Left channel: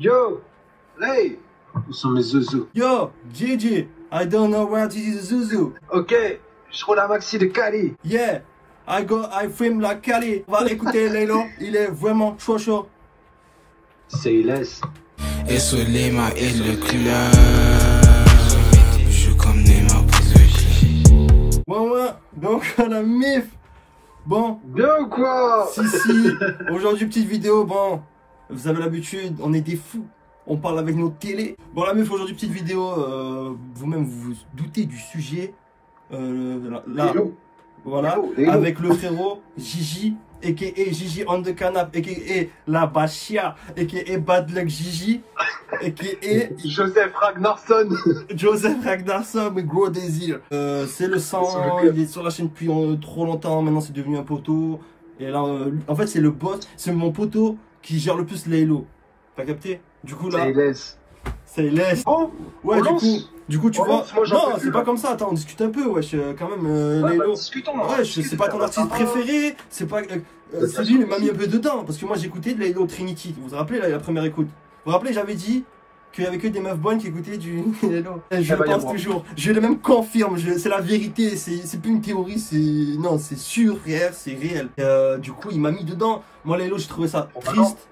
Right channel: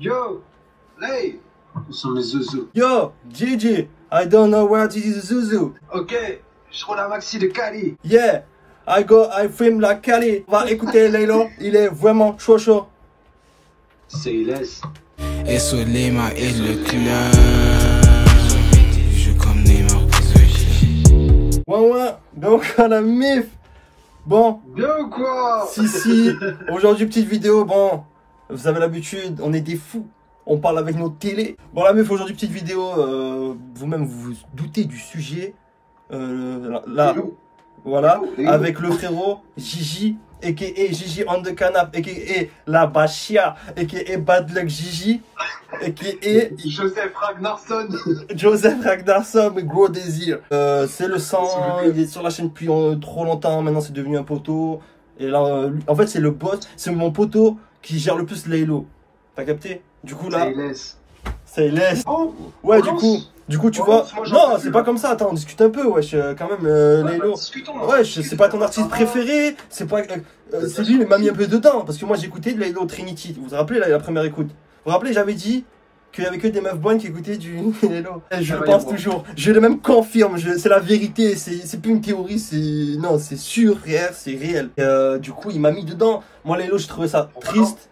Yo, hey, où sont mes zouzous? Yo, Gigi, I don't know where to use Zuzu. Ok, je roule un maxi de Cali. Yeah, I film la Cali. On va écouter Laylo, il est vraiment chaud chaud. C'est laisse. Et Solema et le club. Je comme Neymar prise. Ouais, donc on a mif. Bon. Bien ou quoi? Si. Aujourd'hui, petite vidéo, bon. Vous avez l'habitude, on est des fous. On parle avec nos télés. Bon, la meuf, aujourd'hui, petite vidéo. Vous-même, vous vous doutez du sujet. Là, voilà. Hello. Avec le frérot Gigi, a.k.a. Gigi on the canap, a.k.a. la Bachia, a.k.a. Bad Luck Gigi, a.k.a. Joseph Ragnarsson, mais gros désir. C'est le sang, il est sur la chaîne depuis trop longtemps. Maintenant, c'est devenu un poteau. Et là, en fait, c'est le boss. C'est mon poteau qui gère le plus Laylo. T'as capté? Du coup, là. C'est laisse. Bon, ouais, du coup, tu vois. Non, c'est pas là. comme ça. Attends, on discute un peu, wesh. Quand même, Laylo. Discutons. Ouais, c'est pas ton artiste préféré. C'est pas. C'est lui, il m'a mis un peu dedans. Parce que moi, j'ai écouté de Laylo Trinity. Vous vous rappelez, la première écoute? Vous vous rappelez, j'avais dit qu'il y avait que des meufs bonnes qui écoutaient du Laylo. Je le pense toujours. Je le même confirme. C'est la vérité. C'est plus une théorie. Non, c'est sûr, c'est réel. Du coup, il m'a mis dedans. Moi, Laylo, j'ai trouvé ça triste.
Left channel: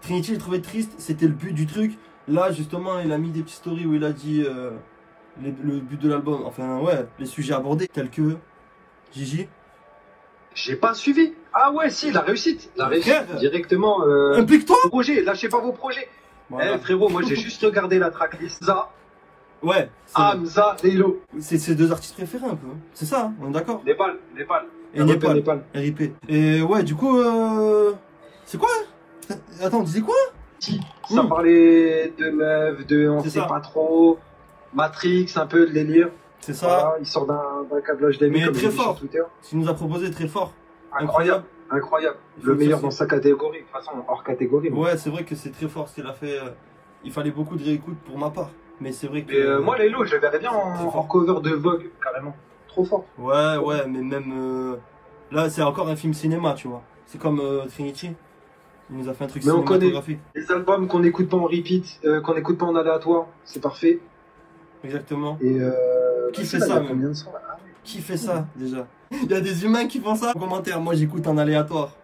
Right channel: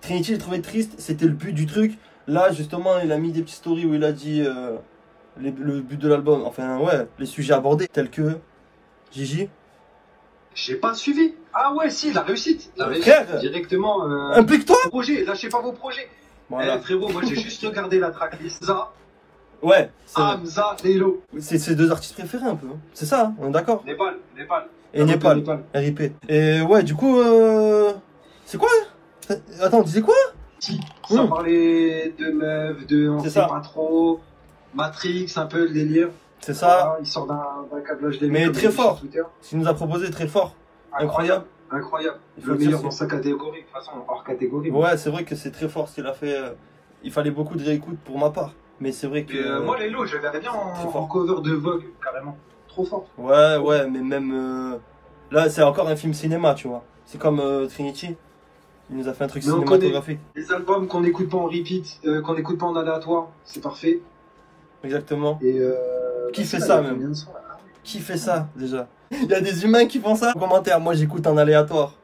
Trinity, j'ai trouvé triste. C'était le but du truc. Là, justement, il a mis des petites stories où il a dit le but de l'album. Enfin, ouais, les sujets abordés, tels que Gigi. J'ai pas suivi. Ah ouais, si, la réussite. Directement. Implique-toi. Projet, lâchez pas vos projets. Voilà. Eh frérot, moi j'ai juste regardé la tracklist. Za, Ouais, Hamza, Laylo. c'est ses deux artistes préférés un peu. C'est ça, hein, on est d'accord. Népal. Et Népal. RIP. Et ouais, du coup, c'est quoi? Attends, on disait quoi? Ça parlait de meufs, de on sait pas trop. Matrix, un peu de délire. C'est ça. Voilà, il sort d'un câblage des Mais très fort. Ce qu'il nous a proposé, très fort. Incroyable. Le meilleur dans sa catégorie, de toute façon, hors catégorie. Ouais, c'est vrai que c'est très fort ce qu'il a fait. Il fallait beaucoup de réécoute pour ma part. Mais c'est vrai que. Moi, Laylo, je le verrais bien en cover de Vogue, carrément. Trop fort. Ouais, mais même. Là, c'est encore un film cinéma, tu vois. C'est comme Trinity. Il nous a fait un truc cinématographique. Les albums qu'on n'écoute pas en repeat, qu'on n'écoute pas en aléatoire, c'est parfait. Exactement. Et qui fait ça même? Qui fait ça déjà? Il y a des humains qui font ça. En commentaire, moi j'écoute en aléatoire.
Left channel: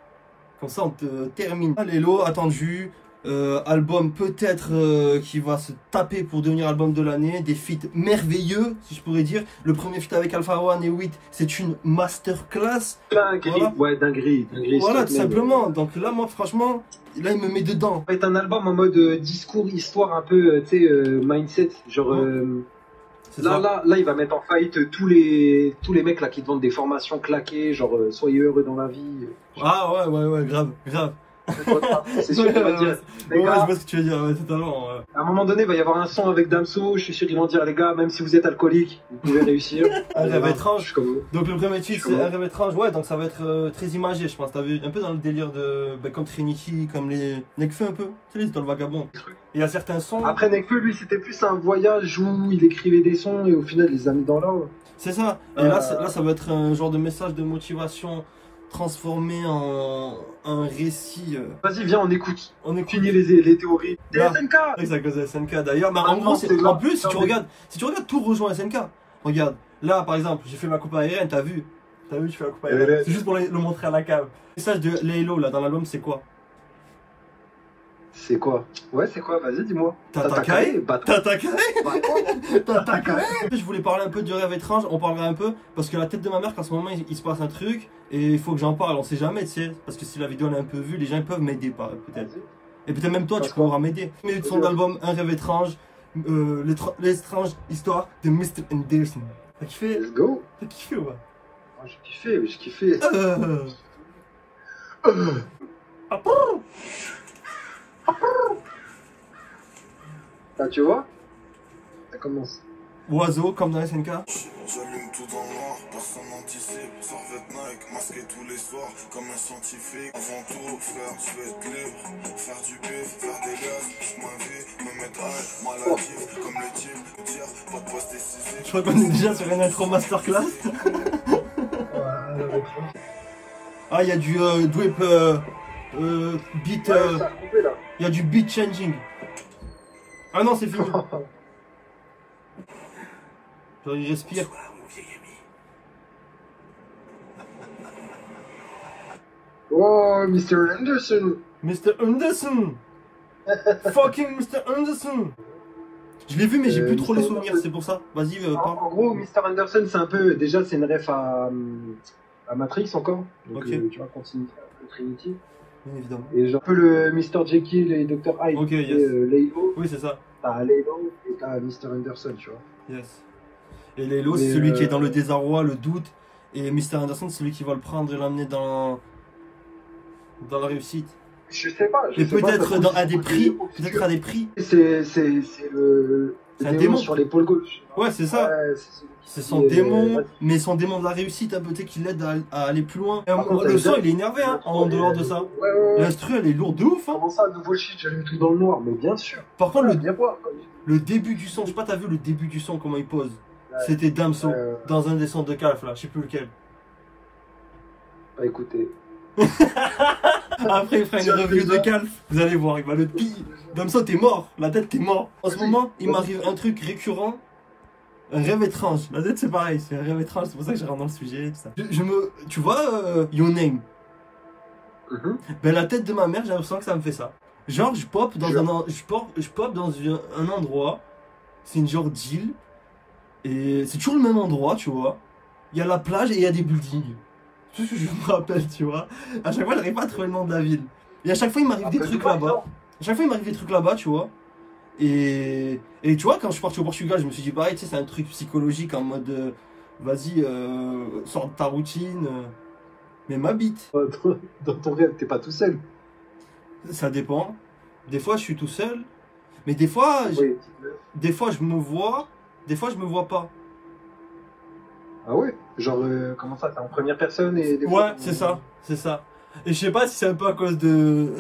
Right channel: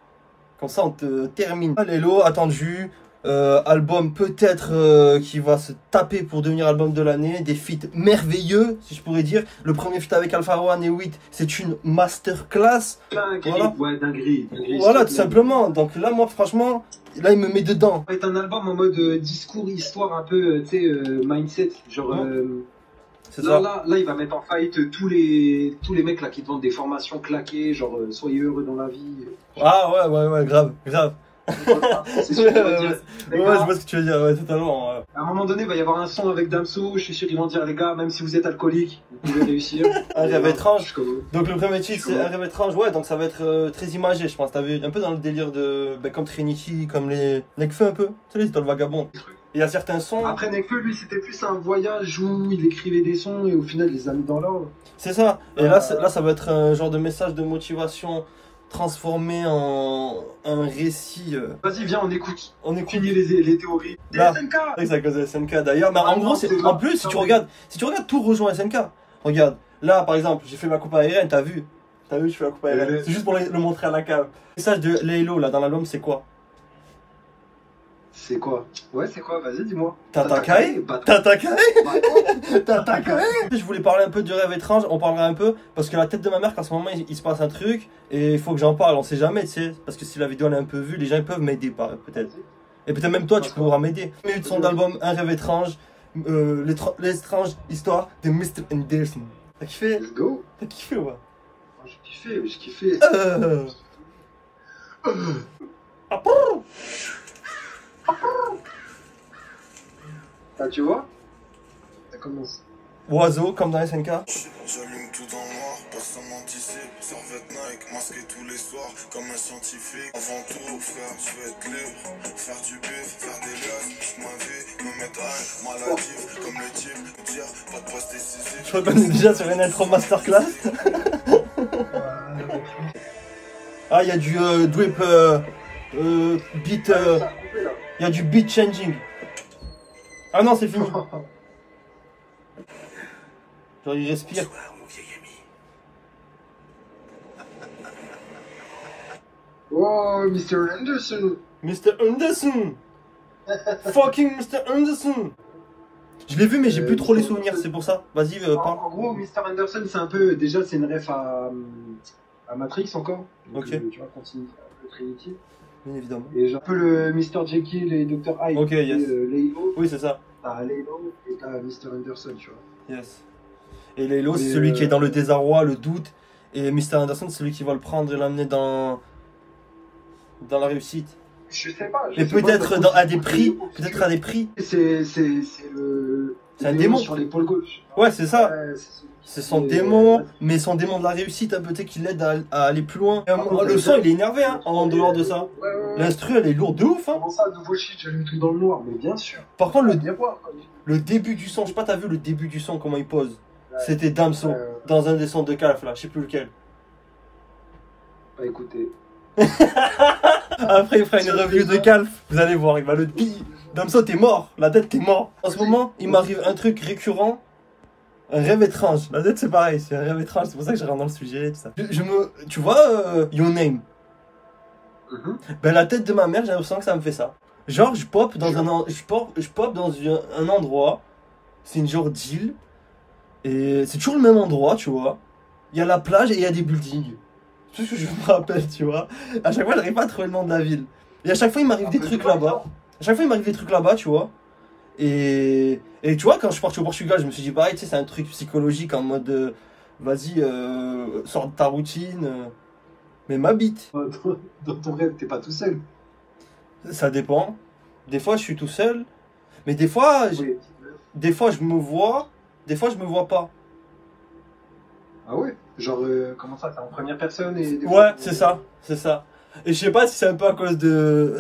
Comme ça on te termine. Laylo, attendu. Album peut-être qui va se taper pour devenir album de l'année. Des feats merveilleux, si je pourrais dire. Le premier feat avec Alpha One et 8, c'est une masterclass. Voilà. Ouais, dinguerie. Voilà, tout simplement. Donc là, moi, franchement, là, il me met dedans. C'est un album en mode discours, histoire, un peu, tu sais, mindset. Genre, là, il va mettre en fight tous les mecs là qui te vendent des formations claquées, genre, soyez heureux dans la vie. Ah ouais, grave. C'est sûr qu'il va dire. Ouais, je vois ce que tu veux dire, ouais, totalement. À un moment donné, il va y avoir un son avec Damso. Je suis sûr qu'ils vont dire, les gars, même si vous êtes alcoolique, vous pouvez réussir. Un rêve étrange. Donc le premier titre, c'est Un rêve étrange. Ouais, donc ça va être très imagé, je pense. T'as vu un peu dans le délire de. Comme Trinity, comme les Nekfeu un peu. Tu sais, dans le vagabond. Il y a certains sons. Après, Nekfeu, lui, c'était plus un voyage où il écrivait des sons et au final, il les a mis dans l'ordre. C'est ça. Et là, ça va être un genre de message de motivation transformé en un récit. Vas-y, viens, on écoute. Finir les théories. Des SNK. C'est à cause de SNK d'ailleurs. Mais en gros, en plus, si tu regardes, tout rejoint SNK. Regarde, là par exemple, j'ai fait ma coupe aérienne, t'as vu, je fais la coupe aérienne. C'est juste pour le montrer à la cave. Le message de Laylo là dans l'album, c'est quoi? C'est quoi? Ouais, c'est quoi? Vas-y, dis-moi. Tatakae. Je voulais parler un peu du rêve étrange, on parlera un peu, parce que la tête de ma mère, qu'en ce moment, il se passe un truc, et il faut que j'en parle, on sait jamais, tu sais, parce que si la vidéo elle est un peu vue, les gens peuvent m'aider, peut-être. Et peut-être même toi, tu pourras m'aider. Mais de son album, Un rêve étrange, l'étrange histoire de Mr. Anderson. T'as kiffé? Let's go. T'as kiffé, ouais? J'ai kiffé. Ah, tu vois? Ça commence. Oiseau, comme dans SNK. J'allume tout dans le noir, personne n'anticipe. Servette Nike, masqué tous les soirs, comme un scientifique. Avant tout, frère, je vais être libre. Faire du bif, faire des liasses, toute ma vie, me mettre à maladif, comme le type, dire, pas de poste décisif. Je crois qu'on est déjà sur une intro masterclass. Ah, il y a du drip beat. Il y a du beat changing. Ah non, c'est fini. Genre, il respire. Oh, Mr. Anderson. Mr. Anderson. Fucking Mr. Anderson. Je l'ai vu, mais j'ai plus trop les souvenirs, c'est pour ça. Vas-y, parle. En gros, Mr. Anderson, c'est un peu. Déjà, c'est une ref à Matrix encore. Donc, ok. Tu vois, continue un peu Trinity. Bien évidemment. Et j'ai un peu le Mr. Jekyll et Dr. Hyde. Ok, yes. Laylo. Oui, c'est ça. T'as Laylo et t'as Mr. Anderson, tu vois. Yes. Et Laylo, c'est celui qui est dans le désarroi, le doute. Et Mr. Anderson, c'est celui qui va le prendre et l'amener dans la réussite. Je sais pas. Et peut-être à des prix. Peut-être à des prix. C'est un démon sur l'épaule gauche. Ouais, c'est ça. Ouais, c'est son démon, mais son démon de la réussite, peut-être qui l'aide à aller plus loin. Le son, il est énervé, hein, en dehors de ça. Ouais. L'instru, elle est lourde de ouf, hein. Comment ça, nouveau shit, j'ai mis tout dans le noir, mais bien sûr. Par contre, le début du son, je sais pas, t'as vu le début du son, comment il pose? C'était Damso, dans un des sons de Calf, là, je sais plus lequel. Bah écoutez. Après, il fera une review de Calf, vous allez voir, il va le piller. Damso, t'es mort, la tête, t'es mort. En ce moment, il m'arrive un truc récurrent, un rêve étrange. La tête, c'est pareil, c'est un rêve étrange, c'est pour ça que je rentre dans le sujet. Tout ça. Tu vois, Your Name. Ben, la tête de ma mère, j'ai l'impression que ça me fait ça. Genre, je pop dans un endroit, c'est une genre d'île, et c'est toujours le même endroit, tu vois. Il y a la plage et il y a des buildings. C'est tout ce que je me rappelle, tu vois. À chaque fois, j'arrive pas à trouver le nom de la ville. Et à chaque fois, il m'arrive des trucs là-bas. À chaque fois, il m'arrive des trucs là-bas, tu vois. Et tu vois, quand je suis parti au Portugal, je me suis dit, pareil, tu sais, c'est un truc psychologique en mode, vas-y, sors de ta routine, mais m'habite. Dans ton rêve, t'es pas tout seul. Ça dépend. Des fois, je suis tout seul, mais des fois, des fois, je me vois, des fois, je me vois pas. Ah ouais? Genre, comment ça, t'es en première personne et des ouais, fois, c'est ça, c'est ça. Et je sais pas si c'est un peu à cause de...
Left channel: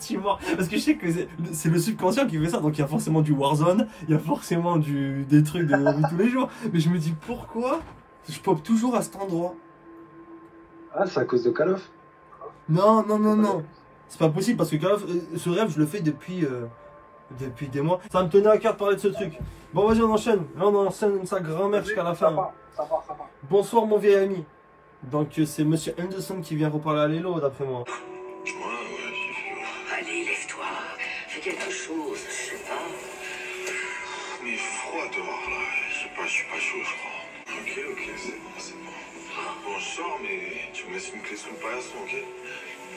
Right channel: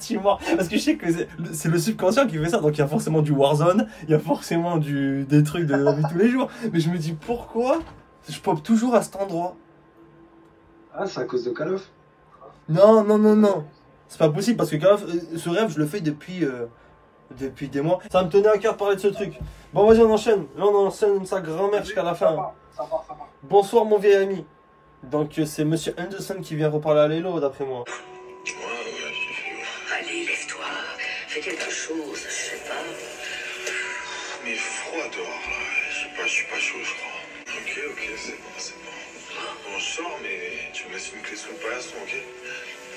tu vois, parce que je sais que c'est le subconscient qui fait ça, donc il y a forcément du Warzone, il y a forcément des trucs de la vie tous les jours. Mais je me dis, pourquoi je pop toujours à cet endroit? Ah, c'est à cause de Call of? Non. C'est pas possible, parce que Call of, ce rêve, je le fais depuis des mois. Ça me tenait à cœur de parler de ce truc. Bon, vas-y, on enchaîne. Là, on enchaîne sa grand-mère jusqu'à la fin. Ça va. Bonsoir, mon vieil ami. Donc c'est Monsieur Anderson qui vient reparler à Laylo, d'après moi. Ouais, j'ai vu. Allez, lève-toi. Fais quelque chose, je sais pas. Mais il fait froid dehors, là. Je suis pas chaud, je crois. Ok, c'est bon. Bon, je sors, mais tu me laisses une clé sous le paillasson, ok?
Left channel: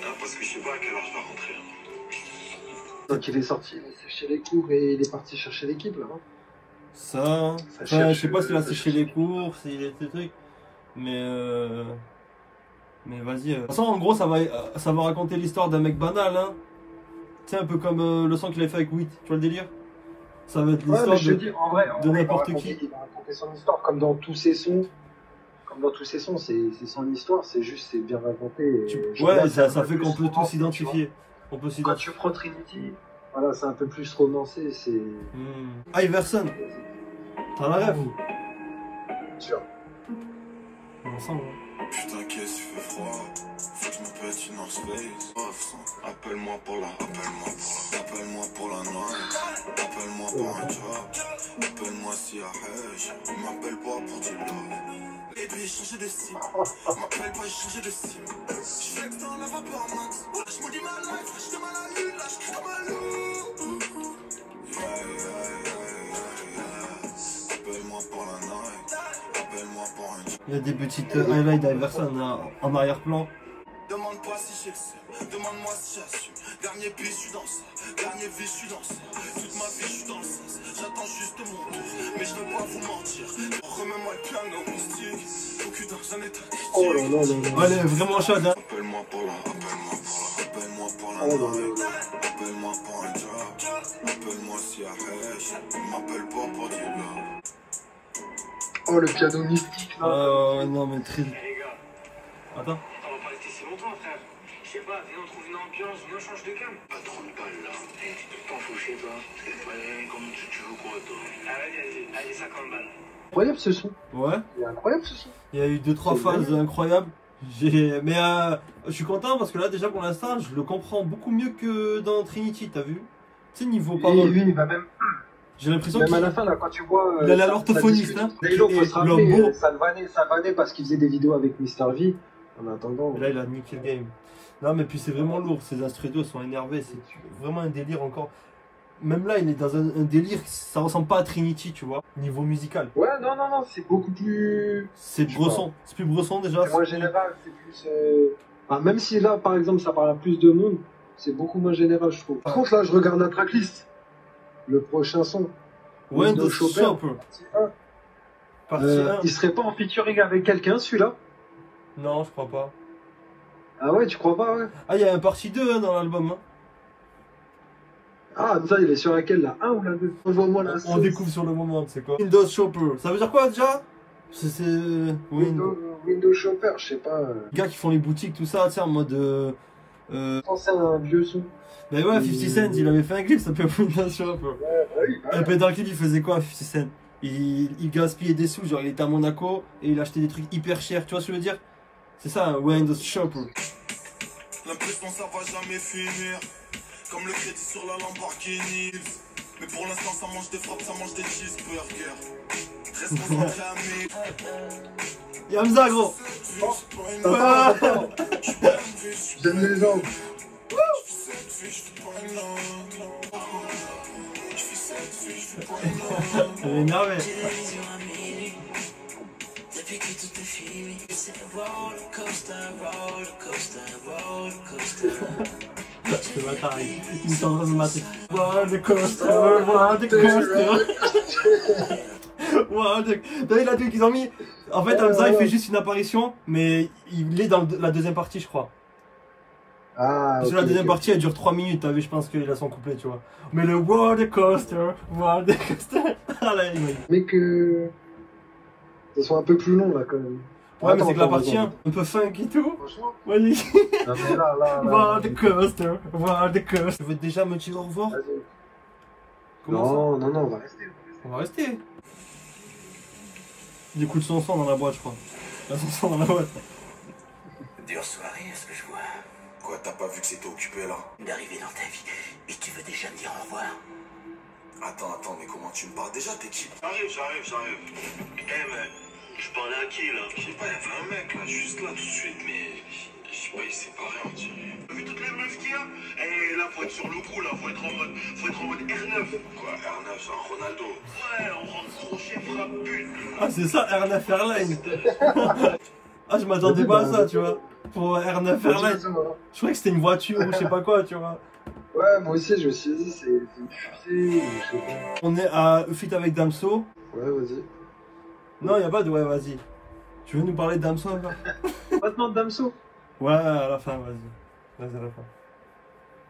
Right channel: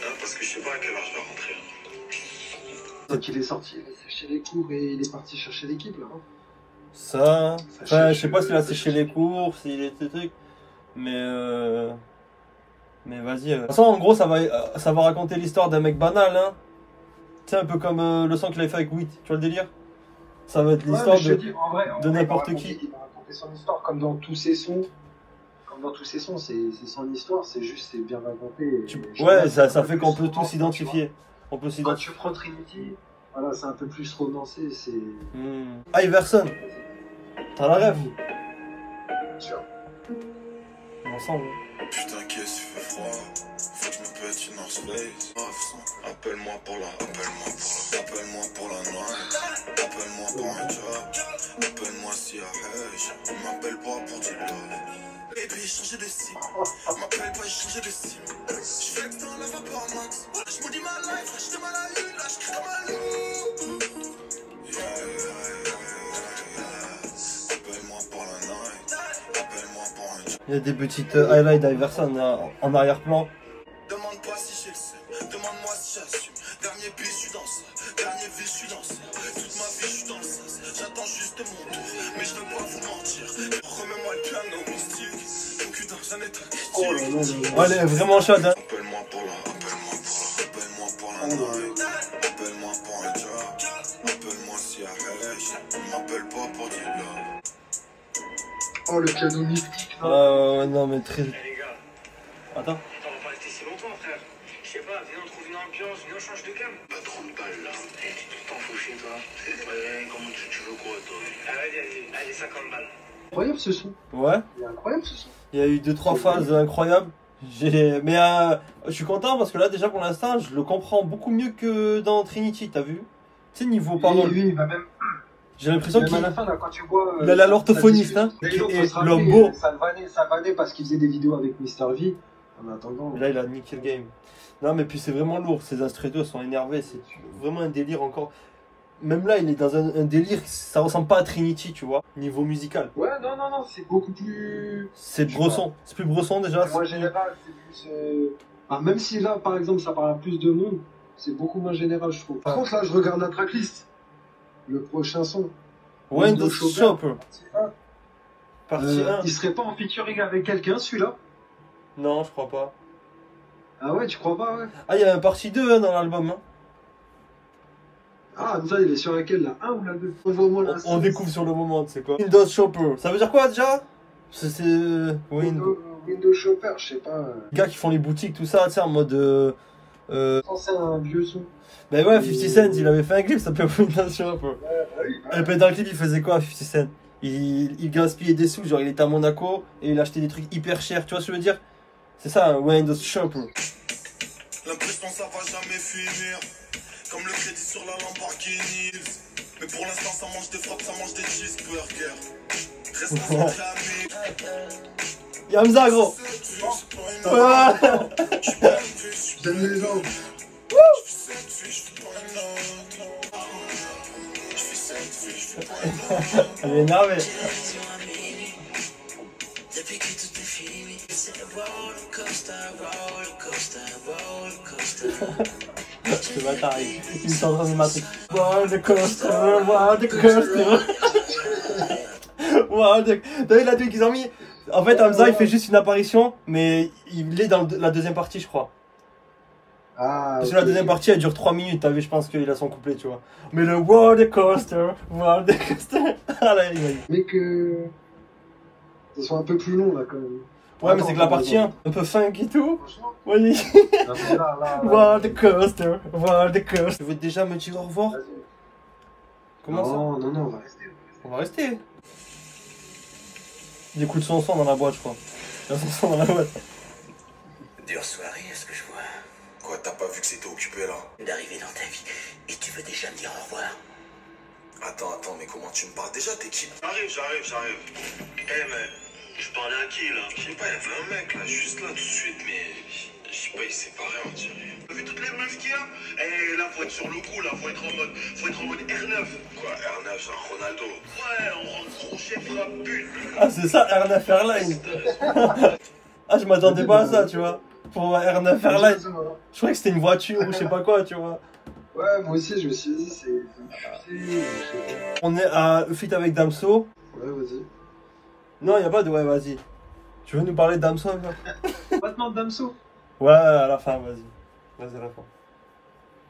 Hein, parce que je sais pas à quelle heure je vais rentrer. Donc il est sorti, il a séché les cours et il est parti chercher l'équipe, là. Ça je sais pas s'il a séché les cours, s'il était truc. Mais vas-y. De toute façon, en gros, ça va raconter l'histoire d'un mec banal, hein. Tu sais, un peu comme le son qu'il avait fait avec Witt, tu vois le délire? Ça va être l'histoire de n'importe qui. Il va raconter son histoire, comme dans tous ses sons. C'est son histoire, c'est bien raconté. Ouais, ça fait qu'on peut tous s'identifier. Quand tu prends Trinity, voilà, c'est un peu plus romancé, c'est... Iverson, t'as la rêve? Sûr. Ensemble. Putain, qu'est-ce qu'il fait froid. Faut que je me pète une North Face. Appelle-moi pour la noix. Appelle-moi pour un job. Appelle-moi si à Hedge. Il m'appelle pas pour du love. Baby, changer de style. M'appelle pas, changer de style. Je flex dans la vapeur max. Je me dis ma life, je te mal à la lune. Là, je crie comme un loup. Appelle-moi pour la night. Appelle-moi pour un job. Il y a des petites highlights d'Iverson en arrière-plan. Demande-moi si j'ai le seum, demande-moi si j'assume. Dernier bis, je suis dans ça. Dernier vie, je suis dans ça. Toute ma vie, je suis dans le sas. J'attends juste mon tour, mais je veux pas vous mentir. Remets-moi le piano mystique. Au cul d'un jeune état. Oh là là. Ouais, elle est vraiment chaude, hein. Appelle-moi pour la night. Appelle-moi pour un job. Appelle-moi si à Hedge. M'appelle pas pour du love. Oh, le piano mystique, là. Non, mais très... Les gars, Attends. on va pas rester si longtemps, frère. Je sais pas, viens, on trouve une ambiance, viens, on change de gamme. Pas trop de balles là. Tu t'en fous chez toi. Ouais, comment tu veux quoi toi? Allez, 50 balles. Incroyable ce son. Ouais. Il est incroyable ce son. Il y a eu 2-3 phases incroyables. Mais je suis content parce que là, déjà pour l'instant, je le comprends beaucoup mieux que dans Trinity, t'as vu? Tu sais, niveau parole. Lui, il va même. J'ai l'impression Même qu'il à la fin, là, quand tu vois. il a l'orthophoniste, hein. Et l'autre, Et ça le mot. vannait parce qu'il faisait des vidéos avec Mister V. En attendant. Et là, il a niqué le game. Non, mais puis c'est vraiment lourd. Ces instrumentaux sont énervés. C'est vraiment un délire encore. Même là, il est dans un délire. Ça ressemble pas à Trinity, tu vois, niveau musical. Ouais, non, c'est beaucoup plus. C'est Bresson. C'est plus Bresson déjà. En général, c'est plus. Ah, même si là, par exemple, ça parle à plus de monde, c'est beaucoup moins général, je trouve. Par contre, là, je regarde la tracklist. Le prochain son. Windows Shopper. Partie 1. Il serait pas en featuring avec quelqu'un, celui-là? Non, je crois pas. Ah ouais, tu crois pas, ouais? Ah, il y a un partie 2 hein, dans l'album. Hein. Ah, ça, il est sur laquelle, là? 1 ou la 2? On découvre sur le moment, tu sais quoi. Windows Shopper. Ça veut dire quoi déjà? C'est Windows Shopper, je sais pas. Les gars qui font les boutiques, tout ça, tu sais, en mode. C'est un vieux son. Ben ouais, 50 Cent, il avait fait un clip, ça s'appelle Windows Shopper. Oui. Et puis dans le clip, il faisait quoi, 50 Cent? Il gaspillait des sous, genre il était à Monaco et il achetait des trucs hyper chers, tu vois ce que je veux dire? C'est ça, un Windows Shopper. L'impression ça va jamais finir. Comme le crédit sur la Lamborghini. Mais pour l'instant ça mange des frappes, ça mange des cheeseburgers. Reste proclamé. Yamza gros. J'aime les gens. Elle est énervée. Ce bâtard, il est en train de Matrix. Roller coaster, roller coaster. T'as vu la truc qu'ils ont mis? En fait, Hamza il fait juste une apparition, mais il est dans la deuxième partie, je crois. Ah, Parce que la deuxième partie elle dure 3 minutes, t'as vu, je pense qu'il a son couplet, tu vois. Mais le roller coaster, roller coaster. Ah là, il m'a dit. Mais que. Ça soit un peu plus long là quand même. Ouais, mais c'est que la partie 1, un peu funk et tout. Franchement. Oui. Non, mais là. Roller coaster, roller coaster. Tu veux déjà me dire au revoir? Comment ça? Non, on va rester. On va rester. Il écoute son son dans la boîte, je crois. Il a son son dans la boîte. Dure soirée, est-ce que je vois? Quoi, t'as pas vu que c'était occupé là? D'arriver dans ta vie et tu veux déjà me dire au revoir? Attends, mais comment tu me parles déjà? T'es qui? J'arrive. Eh, mais je parlais à qui là? Je sais pas, il y avait un mec là, juste là tout de suite, mais je sais pas, il s'est barré on dirait. T'as vu toutes les meufs qu'il y a? Eh, là, faut être sur le coup, là, faut être en mode R9. Quoi, R9, c'est un Ronaldo? Ouais, on rentre crochet, frappe, but. Ah, c'est ça, R9 Airline. Ah, je m'attendais pas à ça, tu vois. Pour R9 Airline. Je croyais que c'était une voiture ou je sais pas quoi, tu vois. Ouais, moi aussi, je me suis dit, c'est une fusée, je sais pas. On est à Fit avec Damso. Ouais, vas-y. Non, y a pas de ouais, vas-y. Tu veux nous parler de Damso un peu? Maintenant, Damso. Ouais, à la fin, vas-y. Vas-y, à la fin.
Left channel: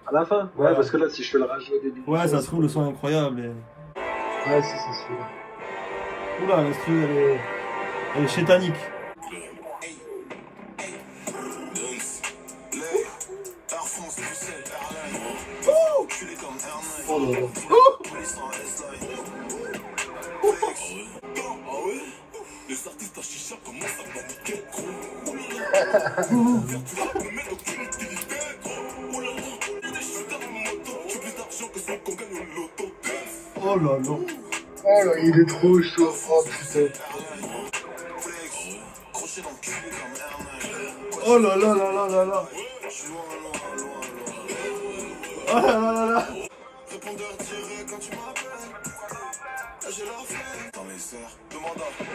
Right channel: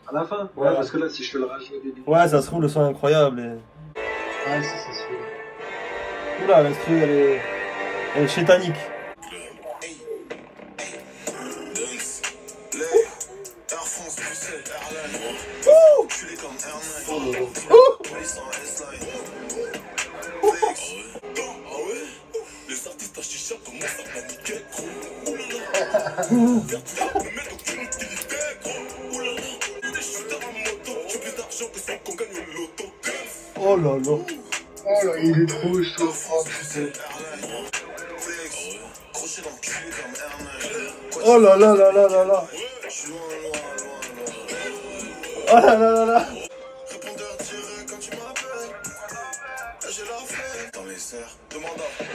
À la fin? Ouais. Parce que là, si je fais le rage au début. Ouais, ça se trouve, le son est incroyable. Et... Ouais, c'est sûr. Oula, l'instru, elle est chétanique. Oh là là. Oh là, il est trop chaud. Oh putain. Oh là là là là là là. Oh là là là là.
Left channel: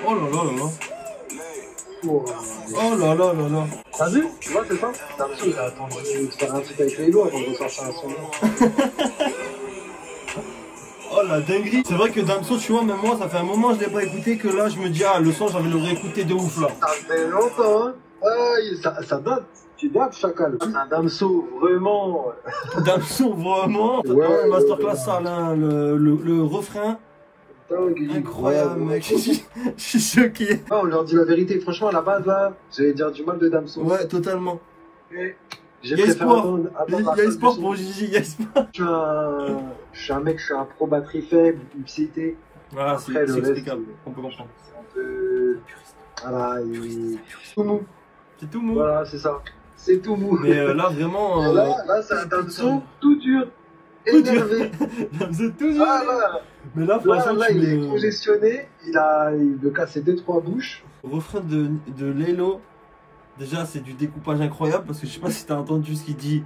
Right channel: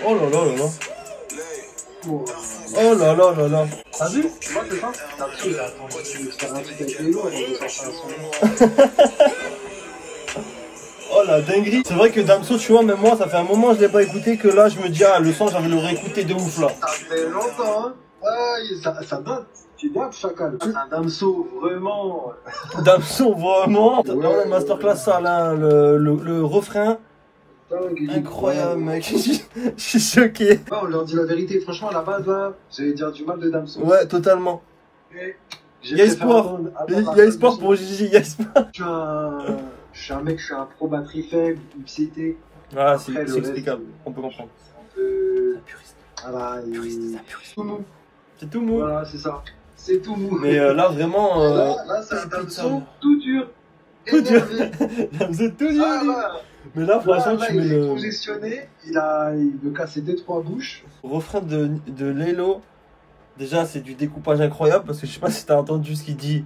Oh là là là là. Oh là là là là. T'as vu? Tu vois, c'est ça? Damso, il a attendu de se faire un feat avec les lois avant de sortir un son. Oh la dinguerie. C'est vrai que Damso, tu vois, même moi, ça fait un moment que je l'ai pas écouté que là, je me dis, ah, le son, j'ai envie de le réécouter de ouf là. Ça fait longtemps, hein? Ouais, ça date. Tu dates, Chacal. Un Damso, vraiment. Damso, vraiment. Ouais, Ouais, masterclass, ça, là, le refrain. Dingue. Incroyable, mec. Je suis choqué. Ah, on leur dit la vérité, franchement, à la base, là, j'allais dire du mal de Damso. Ouais, totalement. Mais Il y a espoir. Il y a espoir pour Gigi, il y a espoir. Je suis un mec, je suis un pro batterie faible, excité. Ah, c'est Après, le reste, explicable. On peut comprendre. C'est un peu. Voilà, tout mou. C'est tout mou. Voilà, c'est ça. C'est tout mou. Mais là, vraiment. Là, c'est un Damso tout dur. énervé. Il faisait tout dur. Ah là, Mais là, franchement, là, tu il mets est le congestionné, il me cassait 2-3 bouches. refrain de Lelo. Déjà, c'est du découpage incroyable parce que je sais pas si t'as entendu ce qu'il dit.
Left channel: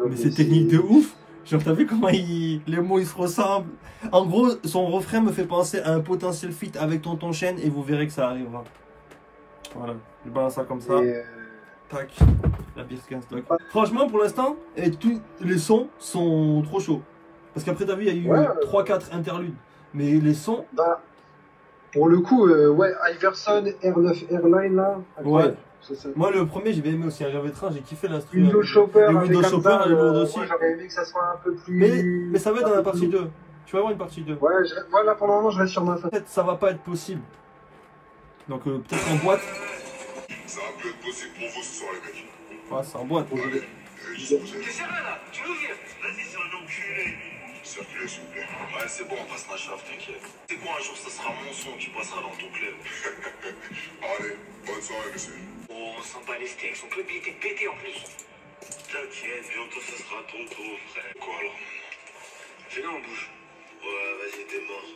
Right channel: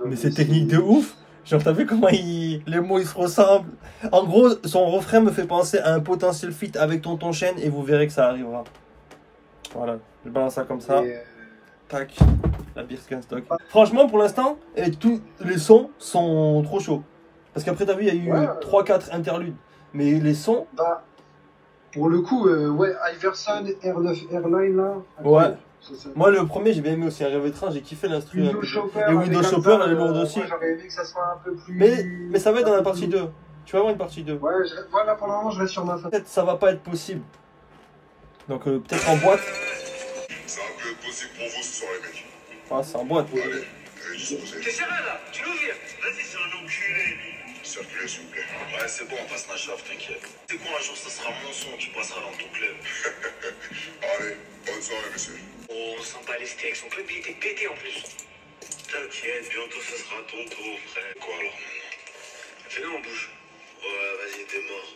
Non, Mais c'est technique de ouf. Genre, t'as vu comment les mots ils se ressemblent. En gros, son refrain me fait penser à un potentiel feat avec Tonton Chaîne et vous verrez que ça arrivera. Voilà, je balance ça comme ça. Et, Tac, la Birkenstock. Franchement, pour l'instant, tous les sons sont trop chauds. Parce qu'après, t'as vu, il y a eu 3-4 interludes. Mais les sons. bah, pour le coup, ouais, Iverson, R9 Airline là. Ouais. Ça. Moi, le premier, j'ai bien aimé aussi. Un rêve étrange, j'ai kiffé l'instru. Windows Shopper. Et Windows Shopper, elle est lourde aussi. Moi, j'aurais aimé que ça soit un peu plus. Mais ça va être dans la partie 2. Tu vas avoir une partie 2. Ouais, voilà, pour le moment, je reste sur ma fin. Peut-être ça va pas être possible. Donc, peut-être en boîte. Ça va plus être possible pour vous ce soir, les mecs. Ah, c'est en boîte. Allez, juste vous T'es sérieux là? Tu nous vires? Vas-y, c'est un enculé. Circulez, s'il vous plaît. Ouais, c'est bon, on passe la chave, t'inquiète. C'est quoi, un jour, ça sera mon son, tu passeras dans ton club. Allez, bonne soirée, monsieur. Oh, on sent pas les steaks, son club il était pété en plus. T'inquiète, bientôt ce sera ton tour, frère. Quoi alors? Fais-le en bouche. Ouais, vas-y, t'es mort.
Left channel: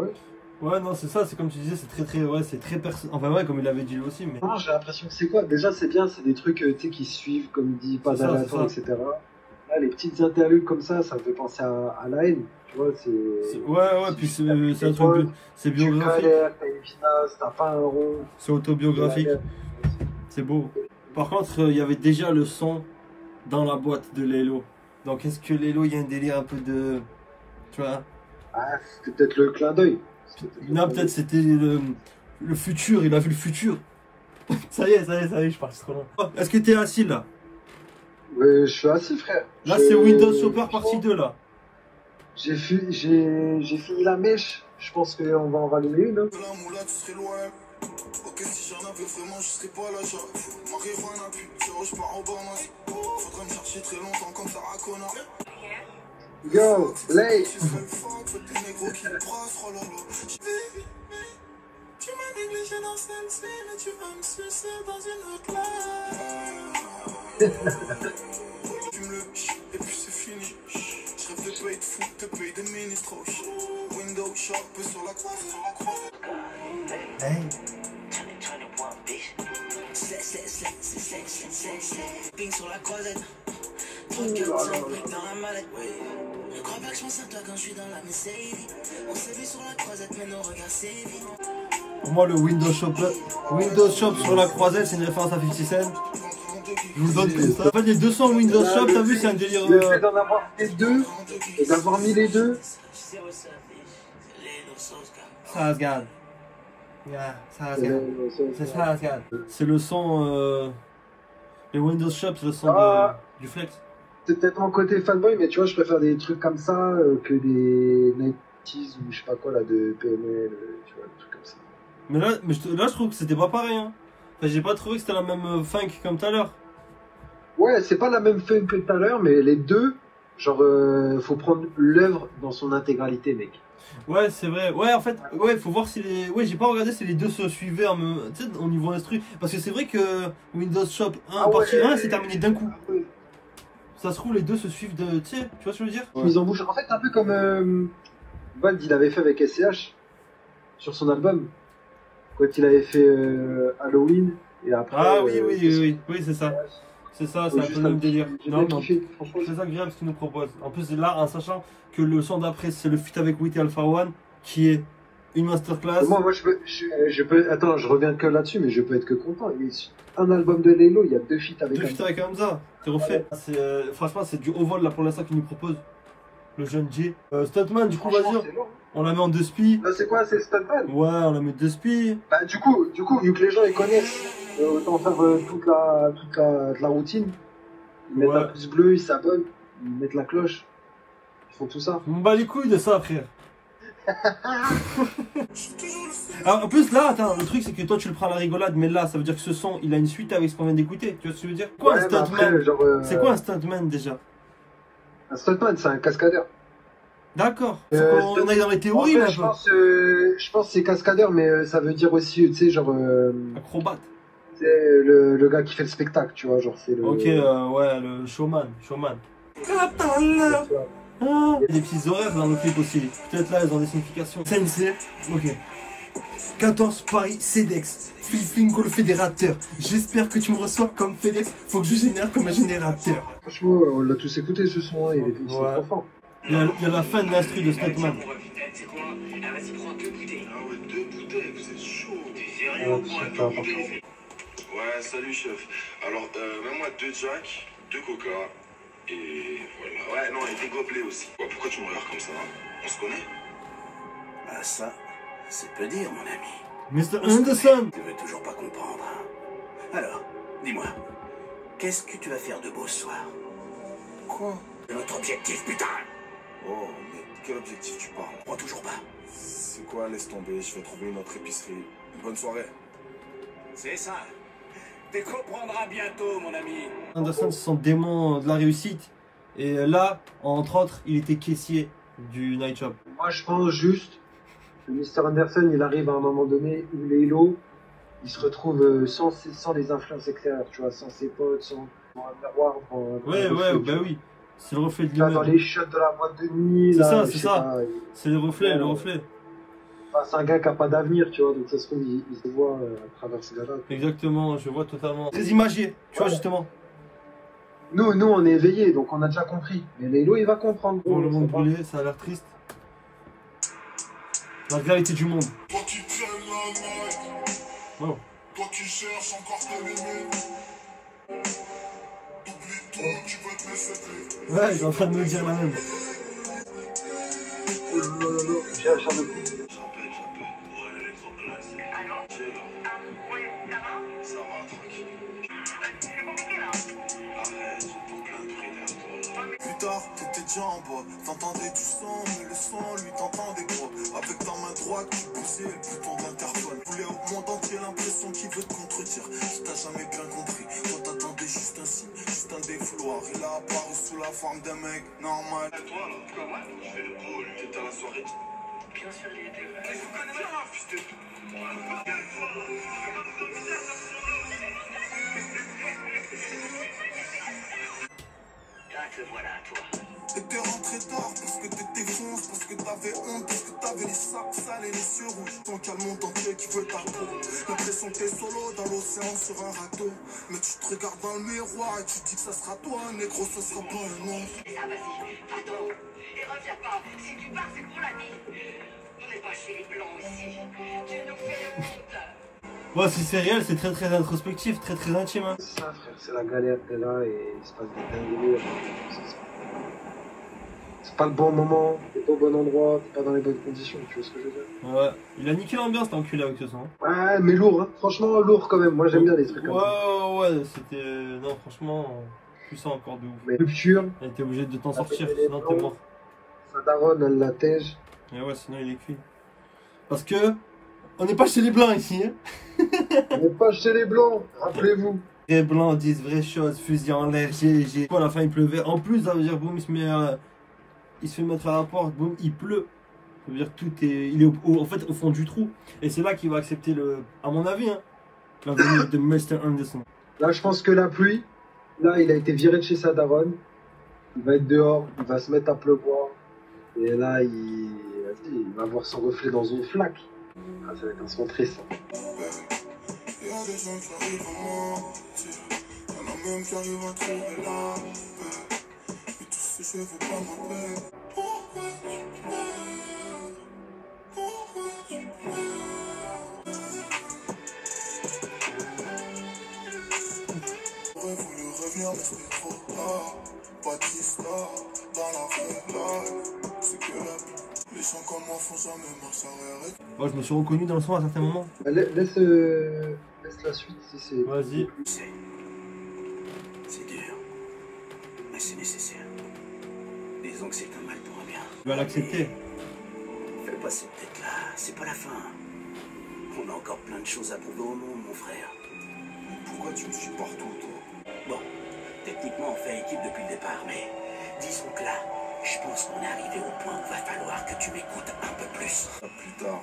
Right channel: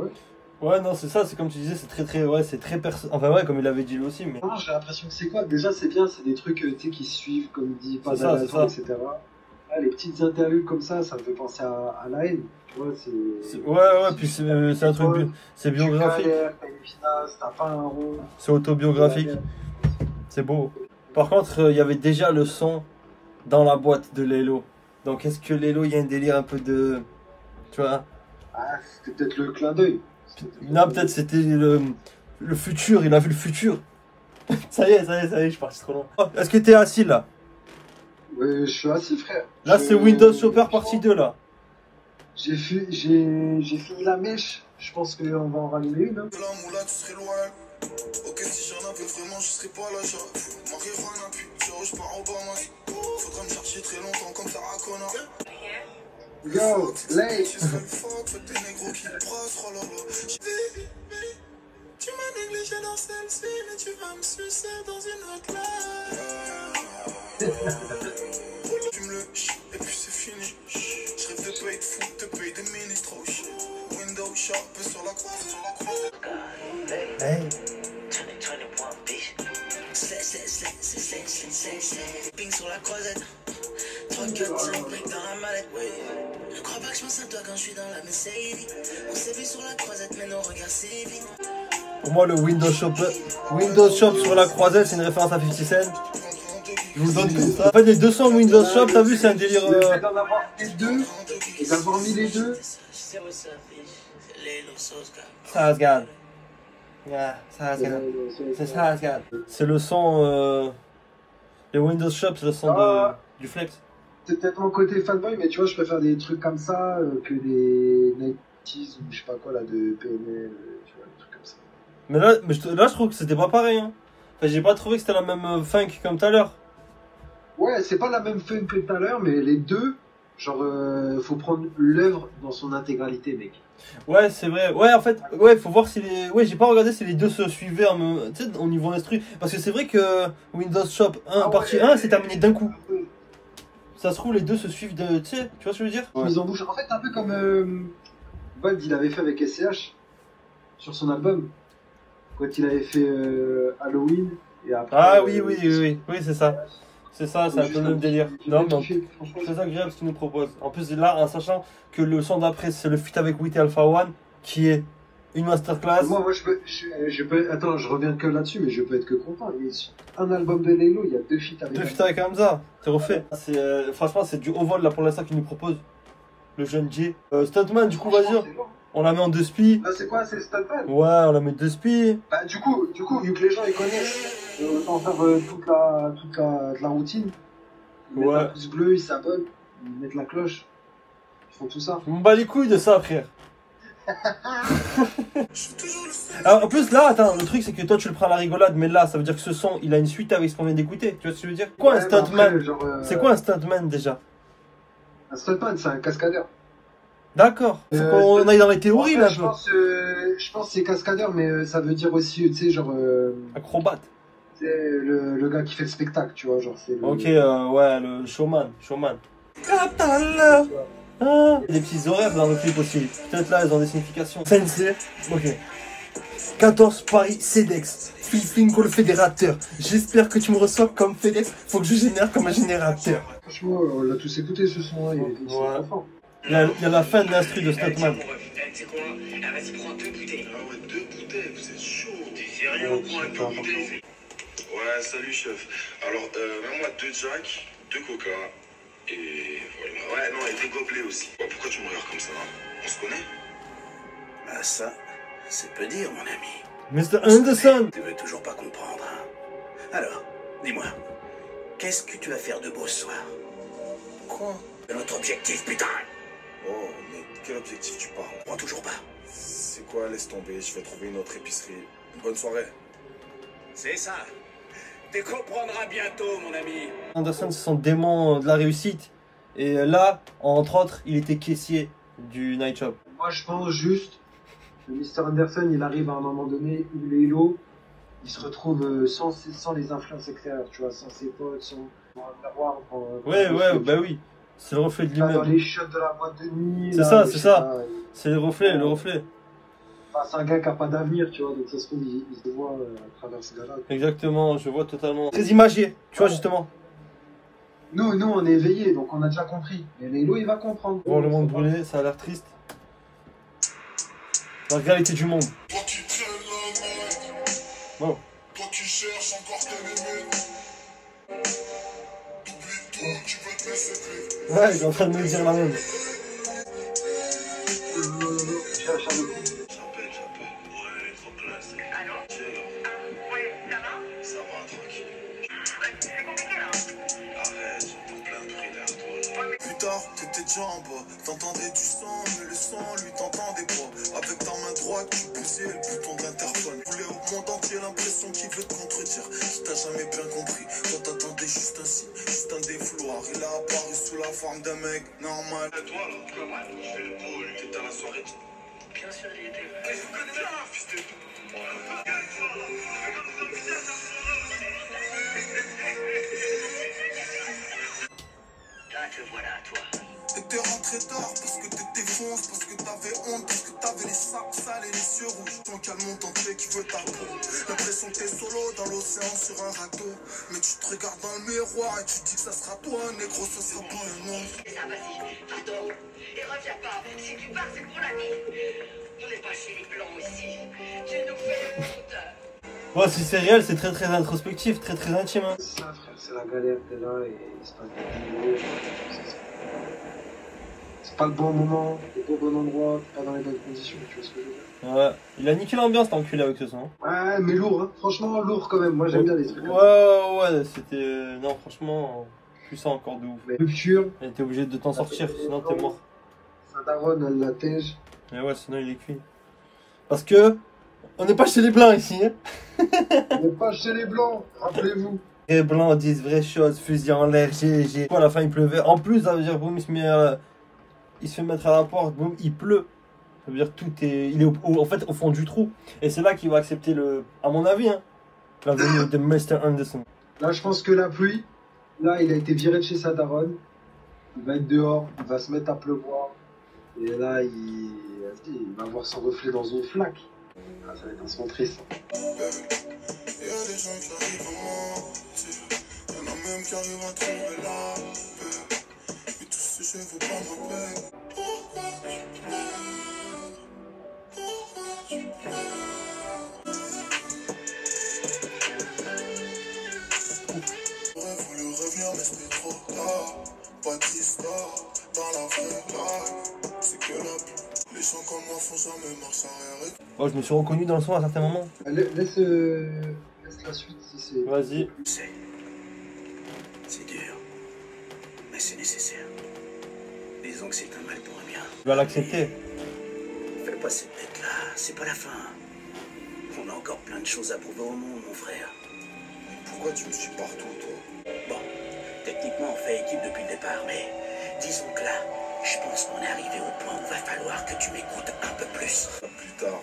Ouais. Ouais, non, c'est ça, c'est comme tu disais, c'est très, ouais, c'est très Enfin, ouais, comme il avait dit lui aussi, mais. Non, j'ai l'impression que c'est quoi? Déjà, c'est bien, c'est des trucs tu sais, qui suivent, comme il dit, pas C'est ça, d'attente, etc. Là, les petites interludes comme ça me fait penser à la haine. Tu vois, c'est. Ouais, puis c'est un truc. C'est biographique. T'as une finesse, t'as pas un rond. C'est autobiographique. C'est beau. Par contre, il y avait déjà le son dans la boîte de Lelo. Donc, est-ce que Lelo, il y a un délire un peu de. Tu vois? Ah, c'était peut-être le clin d'œil. Non, peut-être c'était le futur, il a vu le futur. Ça y est, je suis parti trop loin. Est-ce que t'es assis là? Ouais, je suis assis, frère. Là, c'est Windows Shopper partie 2 là. J'ai fini la mèche. Je pense qu'on va en rallumer une. De la moula, tu serais loin. Ok, si j'en avais vraiment, je serais pas là. Marijuana, puis je pars au Bahamas. Faudra me chercher très longtemps comme ça, à connard. Yo, Lay. Tu m'as négligé dans celle-ci, mais tu vas me sucer dans une autre là. Tu me le et puis c'est fini. Je rêve de payer de foot, de payer des ministres. Windows Shop sur la croix. Hey. 2021, bitch. Ping sur la croisette. 3, 4, 5 briques dans la mallette. Ne crois pas que je pense à toi quand je suis dans la Mercedes. On s'est vu sur la croisette, mais nos regards s'évitent. Pour moi, le Windows Shop sur la croisette, c'est une référence à 50 Cent. Je vous donne tout ça. En fait, les 200 Windows Shop, t'as vu, c'est un délire. Le fait d'en avoir les deux, et d'avoir mis les deux. Ça se garde. Yeah, ça se garde. C'est ça, se garde. C'est le son. Les Windows Shop, c'est le son du Flex. C'est peut-être mon côté fanboy, mais tu vois, je préfère des trucs comme ça que des 90s ou je sais pas quoi là de PNL, tu vois, des trucs comme ça. Mais là, je trouve que c'était pas pareil. Hein. Enfin, j'ai pas trouvé que c'était la même funk comme tout à l'heure. Ouais, c'est pas la même funk que tout à l'heure, mais les deux, genre, faut prendre l'œuvre dans son intégralité, mec. Ouais, c'est vrai. Ouais, en fait, ouais, faut voir si les. Ouais, j'ai pas regardé si les deux se suivaient tu sais, au niveau instru. Parce que c'est vrai que Windows Shop 1, partie 1, c'est terminé d'un coup. Ça se trouve, les deux se suivent de. Tu sais, tu vois ce que je veux dire? Mise en bouche. En fait, un peu comme Bald, il avait fait avec SCH sur son album. Quand il avait fait Halloween. Et après, Ah oui, c'est ça. C'est ça, c'est un peu le même délire. Non, non. C'est agréable ce qu'il nous propose. En plus, là, en sachant que le son d'après, c'est le feat avec Witty Alpha One, qui est une masterclass. Moi, je peux. Attends, je reviens que là-dessus, mais je peux être que content. Un album de Lelo, il y a 2 feats avec. 2 feats avec Hamza, c'est refait. Franchement, c'est du haut vol là pour l'instant qu'il nous propose. Le jeune J. Stuntman, du coup, vas-y. On la met en 2 spi. Là, c'est quoi? C'est Stuntman? Ouais, on la met 2 spi. Bah, du coup, vu que les gens ils connaissent, on va faire toute la routine. Ils mettent la pouce bleue, ils s'abonnent, ils mettent la cloche. Ils font tout ça. Je m'en bats les couilles de ça, frère. Alors, en plus, là, attends, le truc c'est que toi tu le prends à la rigolade, mais là ça veut dire que ce son il a une suite avec ce qu'on vient d'écouter. Tu vois ce que je veux dire? Quoi un stuntman? C'est quoi un stuntman déjà? Un stuntman, c'est un cascadeur. D'accord. Faut qu'on aille dans les théories là un peu. Je pense que c'est cascadeur, mais ça veut dire aussi, tu sais, genre. Acrobate. C'est le gars qui fait le spectacle, tu vois, genre c'est le... Ok, ouais, le showman. Ah, il y a des petits horaires dans le clip aussi. Peut-être là, ils ont des significations. Sensei, ok. 14 Paris CEDEX. Philippingo le fédérateur. J'espère que tu me reçois comme FedEx. Faut que je génère comme un générateur. Franchement, on l'a tous écouté ce son, hein. Il était trop fort. Il y a la fin de l'instru de Stockman. C'est quoi? Ah, vas-y, prends 2 bouteilles. Ah ouais, 2 bouteilles, vous êtes chaud. T'es sérieux? Prends 2 bouteilles. Ouais, salut chef. Alors, mets-moi 2 Jack, 2 Coca, et voilà. Ouais, non, et des gobelets aussi. Ouais, pourquoi tu me regardes comme ça, hein? On se connaît? Ah ça, c'est peu dire, mon ami. Mr. Anderson. Tu veux toujours pas comprendre, hein? Alors, dis-moi, qu'est-ce que tu vas faire de beau ce soir? Quoi? C'est notre objectif, putain! Oh, mais quel objectif tu parles? Moi, toujours pas. C'est quoi? Laisse tomber, je vais trouver une autre épicerie. Bonne soirée. C'est ça. Tu comprendras bientôt, mon ami. Anderson, c'est son démon de la réussite. Et là, entre autres, il était caissier du Night Shop. Moi, je pense juste que Mr. Anderson, il arrive à un moment donné où les lots, il se retrouve sans les influences extérieures, tu vois, sans ses potes, sans un miroir. Ouais, bah oui. C'est le reflet de Dans lui-même. les shots de la boîte de nuit. C'est là, ça, c'est ça. C'est le reflet, le reflet. Enfin, c'est un gars qui n'a pas d'avenir, tu vois, donc ça se trouve, il se voit à travers ce gars-là. Exactement, je vois totalement. Très imagé, tu vois, justement. Nous, on est éveillés, donc on a déjà compris. Mais Lélo, il va comprendre. Voir le monde brûler, ça a l'air triste. La réalité du monde. Toi qui traînes la night, Wow. toi qui cherches encore tes limites. T'oublies tout, tu veux te laisser vivre. Ouais, il est en train de me dire la même. J'appelle. Ouais, elle est trop classe. Allô? Ouais, ça va? Ça va, tranquille. C'est compliqué là. Arrête, j'entends plein de bruit derrière toi. Plus tard, t'étais déjà en bas. T'entendais du son, mais le son, lui, t'entendais pas. Avec ta main droite, tu poussais le bouton d'interphone. Voulais au monde entier l'impression qu'il veut te contredire. Qui t'a jamais bien compris. Quand t'attendais juste un signe, juste un défouloir. Il a apparu sous la forme d'un mec normal. Et toi là? Comment? Je fais le cool. T'étais à la soirée. Bien sûr, il était. Mais je vous connais bien, fils de. Ah, te voilà, toi. T'étais rentré tard parce que t'étais fonce, parce que t'avais honte, parce que t'avais les sacs sales et les yeux rouges. Tant qu'il y a le monde entier qui veut ta peau. L'impression que t'es solo dans l'océan sur un râteau. Mais tu te regardes dans le miroir et tu dis que ça sera toi, un négro, ça sera pas un autre. Et ça, vas-y, pardon. Et reviens pas. Si tu pars, c'est pour la vie. On n'est pas chez les blancs ici. Tu nous fais le monde. Ouais, c'est réel, c'est très introspectif, très intime. Hein. C'est ça, frère, c'est la galère, t'es là et il se passe des délires. C'est pas le bon moment, t'es pas au bon endroit, t'es pas dans les bonnes conditions, tu vois ce que je veux dire? Ouais, il a niqué l'ambiance, t'as enculé avec ce son. Ouais, mais lourd, hein. Franchement lourd quand même, moi j'aime bien les trucs comme ça. Ouais, c'était... Non, franchement, puissant encore de ouf. Mais rupture, Elle était obligée de t'en sortir, sinon t'es mort. sa daronne, elle la tège. Et ouais, sinon il est cuit. Parce que, on n'est pas chez les blancs ici, hein. On n'est pas chez les blancs, rappelez-vous. Les blancs disent vraies choses, fusil en l'air, GG. À la fin il pleuvait. En plus, ça veut dire, boum, il se fait mettre à la porte, boum, il pleut. Ça veut dire tout est... Il est en fait au fond du trou. Et c'est là qu'il va accepter le... À mon avis, hein. La venue de Mr. Anderson. Là, je pense que la pluie, là, il a été viré de chez sa daronne. Il va être dehors, il va se mettre à pleuvoir. Et là, il va voir son reflet dans une flaque. Ah, ça va être un son très simple. Il y a des gens qui arrivent à mentir. Il y en a même qui arrivent à trouver la paix. Et tous ces jeux vont pas ma peine. Pourquoi tu pleures? Pourquoi tu pleures? J'aurais voulu revenir mais c'était trop tard. Batista, dans la vraie life. C'est que la... Les gens comme moi font jamais marche arrière. Oh, je me suis reconnu dans le son à certains moments. Laisse la suite si c'est... Vas-y. C'est dur, mais c'est nécessaire. Disons que c'est un mal pour un bien. Tu vas l'accepter. Fais pas cette tête-là, c'est pas la fin. On a encore plein de choses à prouver au monde, mon frère. Pourquoi tu me suis partout, toi? Bon, techniquement, on fait équipe depuis le départ, mais disons que là, je pense qu'on est arrivé au point où il va falloir que tu m'écoutes un peu plus. Plus tard,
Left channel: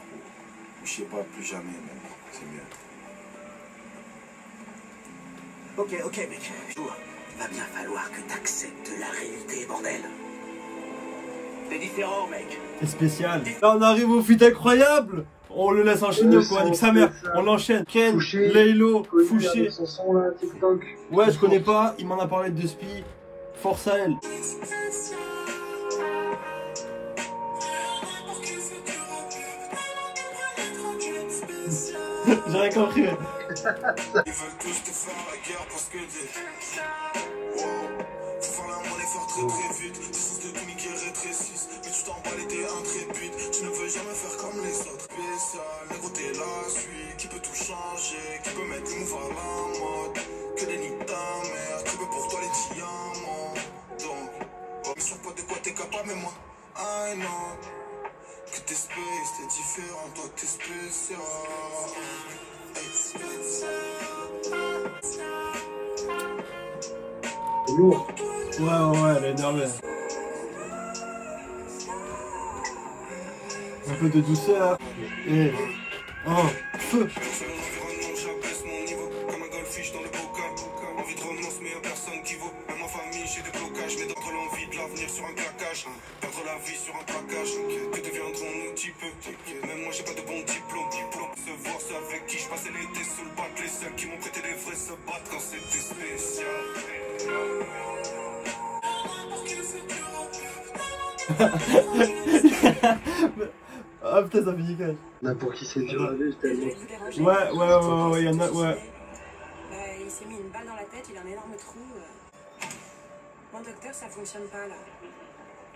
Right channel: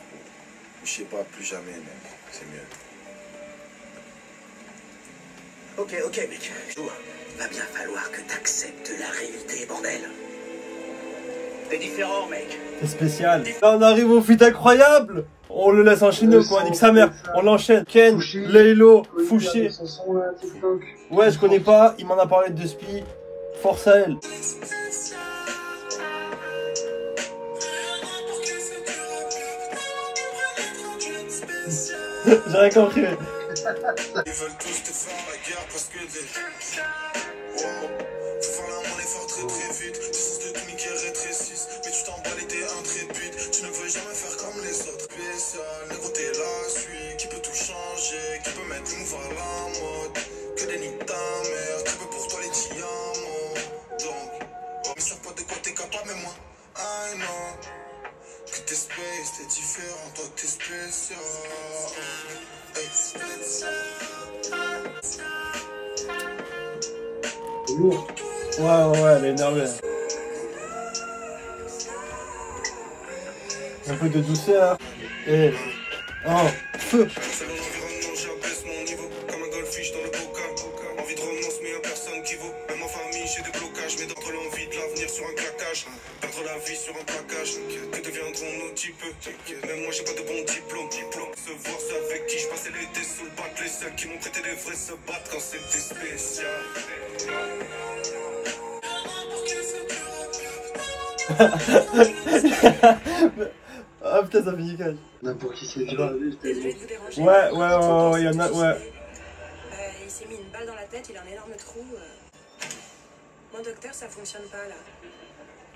ou je sais pas, plus jamais, mais c'est mieux. Ok, mec. Va bien falloir que t'acceptes la réalité, bordel. T'es différent, mec. C'est spécial. Là, on arrive au feat incroyable. On le laisse enchaîner ou quoi? Nique sa mère. On l'enchaîne. Ken, Laylo, Fouché. Ouais, je connais pas. Il m'en a parlé de Spi. Force à elle. J'ai rien compris. Ils veulent tous te faire la guerre parce que des... Wow. Faut faire la monnaie faire très très vite. Tu sens de tout niquer rétrécisse. Mais tu t'en bats les t'es intrépide. Tu ne veux jamais faire comme les autres. Spécial, négro t'es la suite. Qui peut tout changer, qui peut mettre le move à la mode. Que des nids ta mère, tu veux pour toi les diamants. Donc, oh, mais ça pas de quoi t'es capable, mais moi, I know. Que t'es space, t'es différent, toi t'es spécial. Lourd. Ouais, elle est énervée. Un peu de douceur. Et... Oh, feu. J'abaisse mon niveau comme un goldfish dans le coca. Envie de romance, mais y'a personne qui vaut. Même en famille, j'ai des blocages. Mais d'entre l'envie de l'avenir sur un claquage. Perdre la vie sur un plaquage. Que deviendront nos types? Même moi, j'ai pas de bon diplôme. Se voir ceux avec qui je passais l'été se battre. Les seuls qui m'ont prêté des vrais se battent quand c'était spécial. Ah putain, ça finit quand N'importe qui c'est dur à vivre, tellement. Ouais, il y en a, ouais. Il s'est mis une balle dans la tête, il a un énorme trou. Mon docteur, ça fonctionne pas là.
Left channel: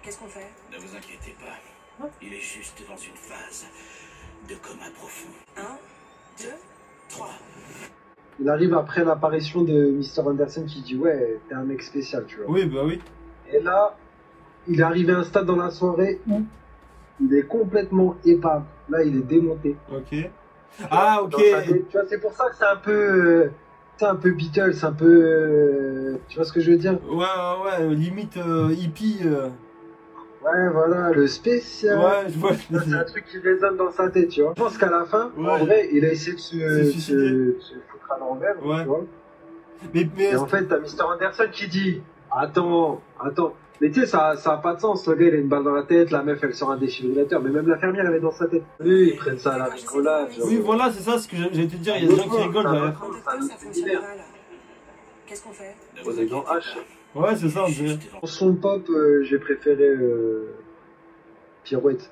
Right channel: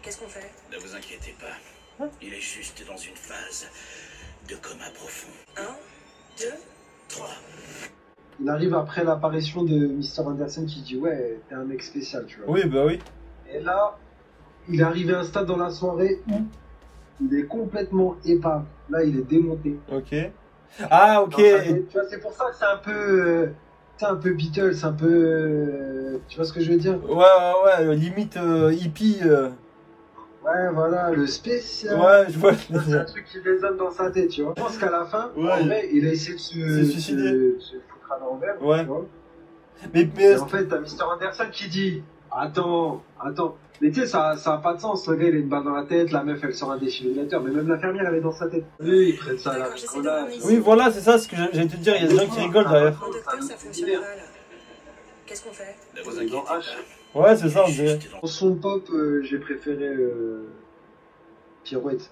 Qu'est-ce qu'on fait? Ne vous inquiétez pas. Il est juste dans une phase de coma profond. 1, 2, 3. Il arrive après l'apparition de Mr. Anderson qui dit ouais, t'es un mec spécial, tu vois. Oui, bah oui. Et là, il est arrivé à un stade dans la soirée où il est complètement épave. Là, il est démonté. Ok. Ah, ok. Tu vois, c'est pour ça que c'est un peu Beatles, un peu... tu vois ce que je veux dire? Ouais, limite hippie. Ouais, voilà, le spécial. Ouais, je vois. C'est un truc qui résonne dans sa tête, tu vois. Je pense qu'à la fin, en vrai, il a essayé de se foutre à l'envers, tu vois. Et en fait, t'as Mr. Anderson qui dit attends. Mais tu sais, ça a pas de sens. Le gars, il a une balle dans la tête, la meuf, elle sort un défibrillateur. Mais même l'infirmière, elle est dans sa tête. Eux, ils prennent ça à la rigolade. Oui, voilà, c'est ça ce que j'allais te dire. Il y a des gens qui rigolent derrière. Mon docteur, ça fonctionne pas là. Qu'est-ce qu'on fait? Ouais, c'est ça, on dirait. En son pop, j'ai préféré Pirouette.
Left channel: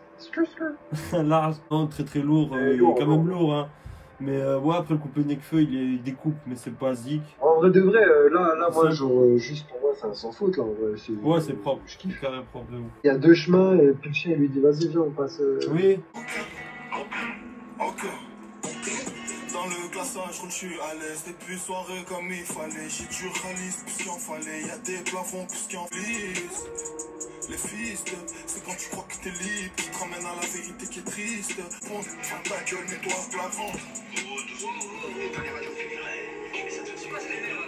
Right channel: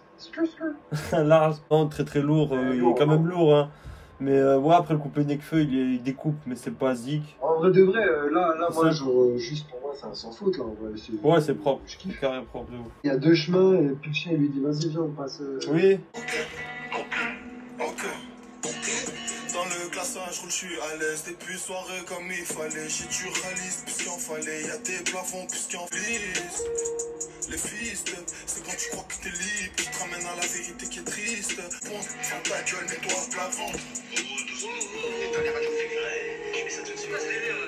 Large. Non, très très lourd. Il est quand même lourd, hein. Mais ouais, après le couplet Nekfeu, il découpe, mais c'est pas zik. En vrai de vrai, là moi, genre, juste pour moi, c'est un sans faute, là, en vrai. Ouais, c'est propre, je kiffe carrément propre de ouf. Il y a deux chemins, et puis le chien, il lui dit, vas-y, viens, on passe... Oui. Ok. Dans le glaçage, je suis à l'aise. Des plus soirées comme il fallait. J'ai du réaliste, plus qu'il en fallait. Y'a des plafonds, plus qu'il en glisse. Les fils, c'est quand tu crois que t'es libre qui te ramène à la vérité qui est triste. Bon, ferme ta gueule, nettoie ce plafond.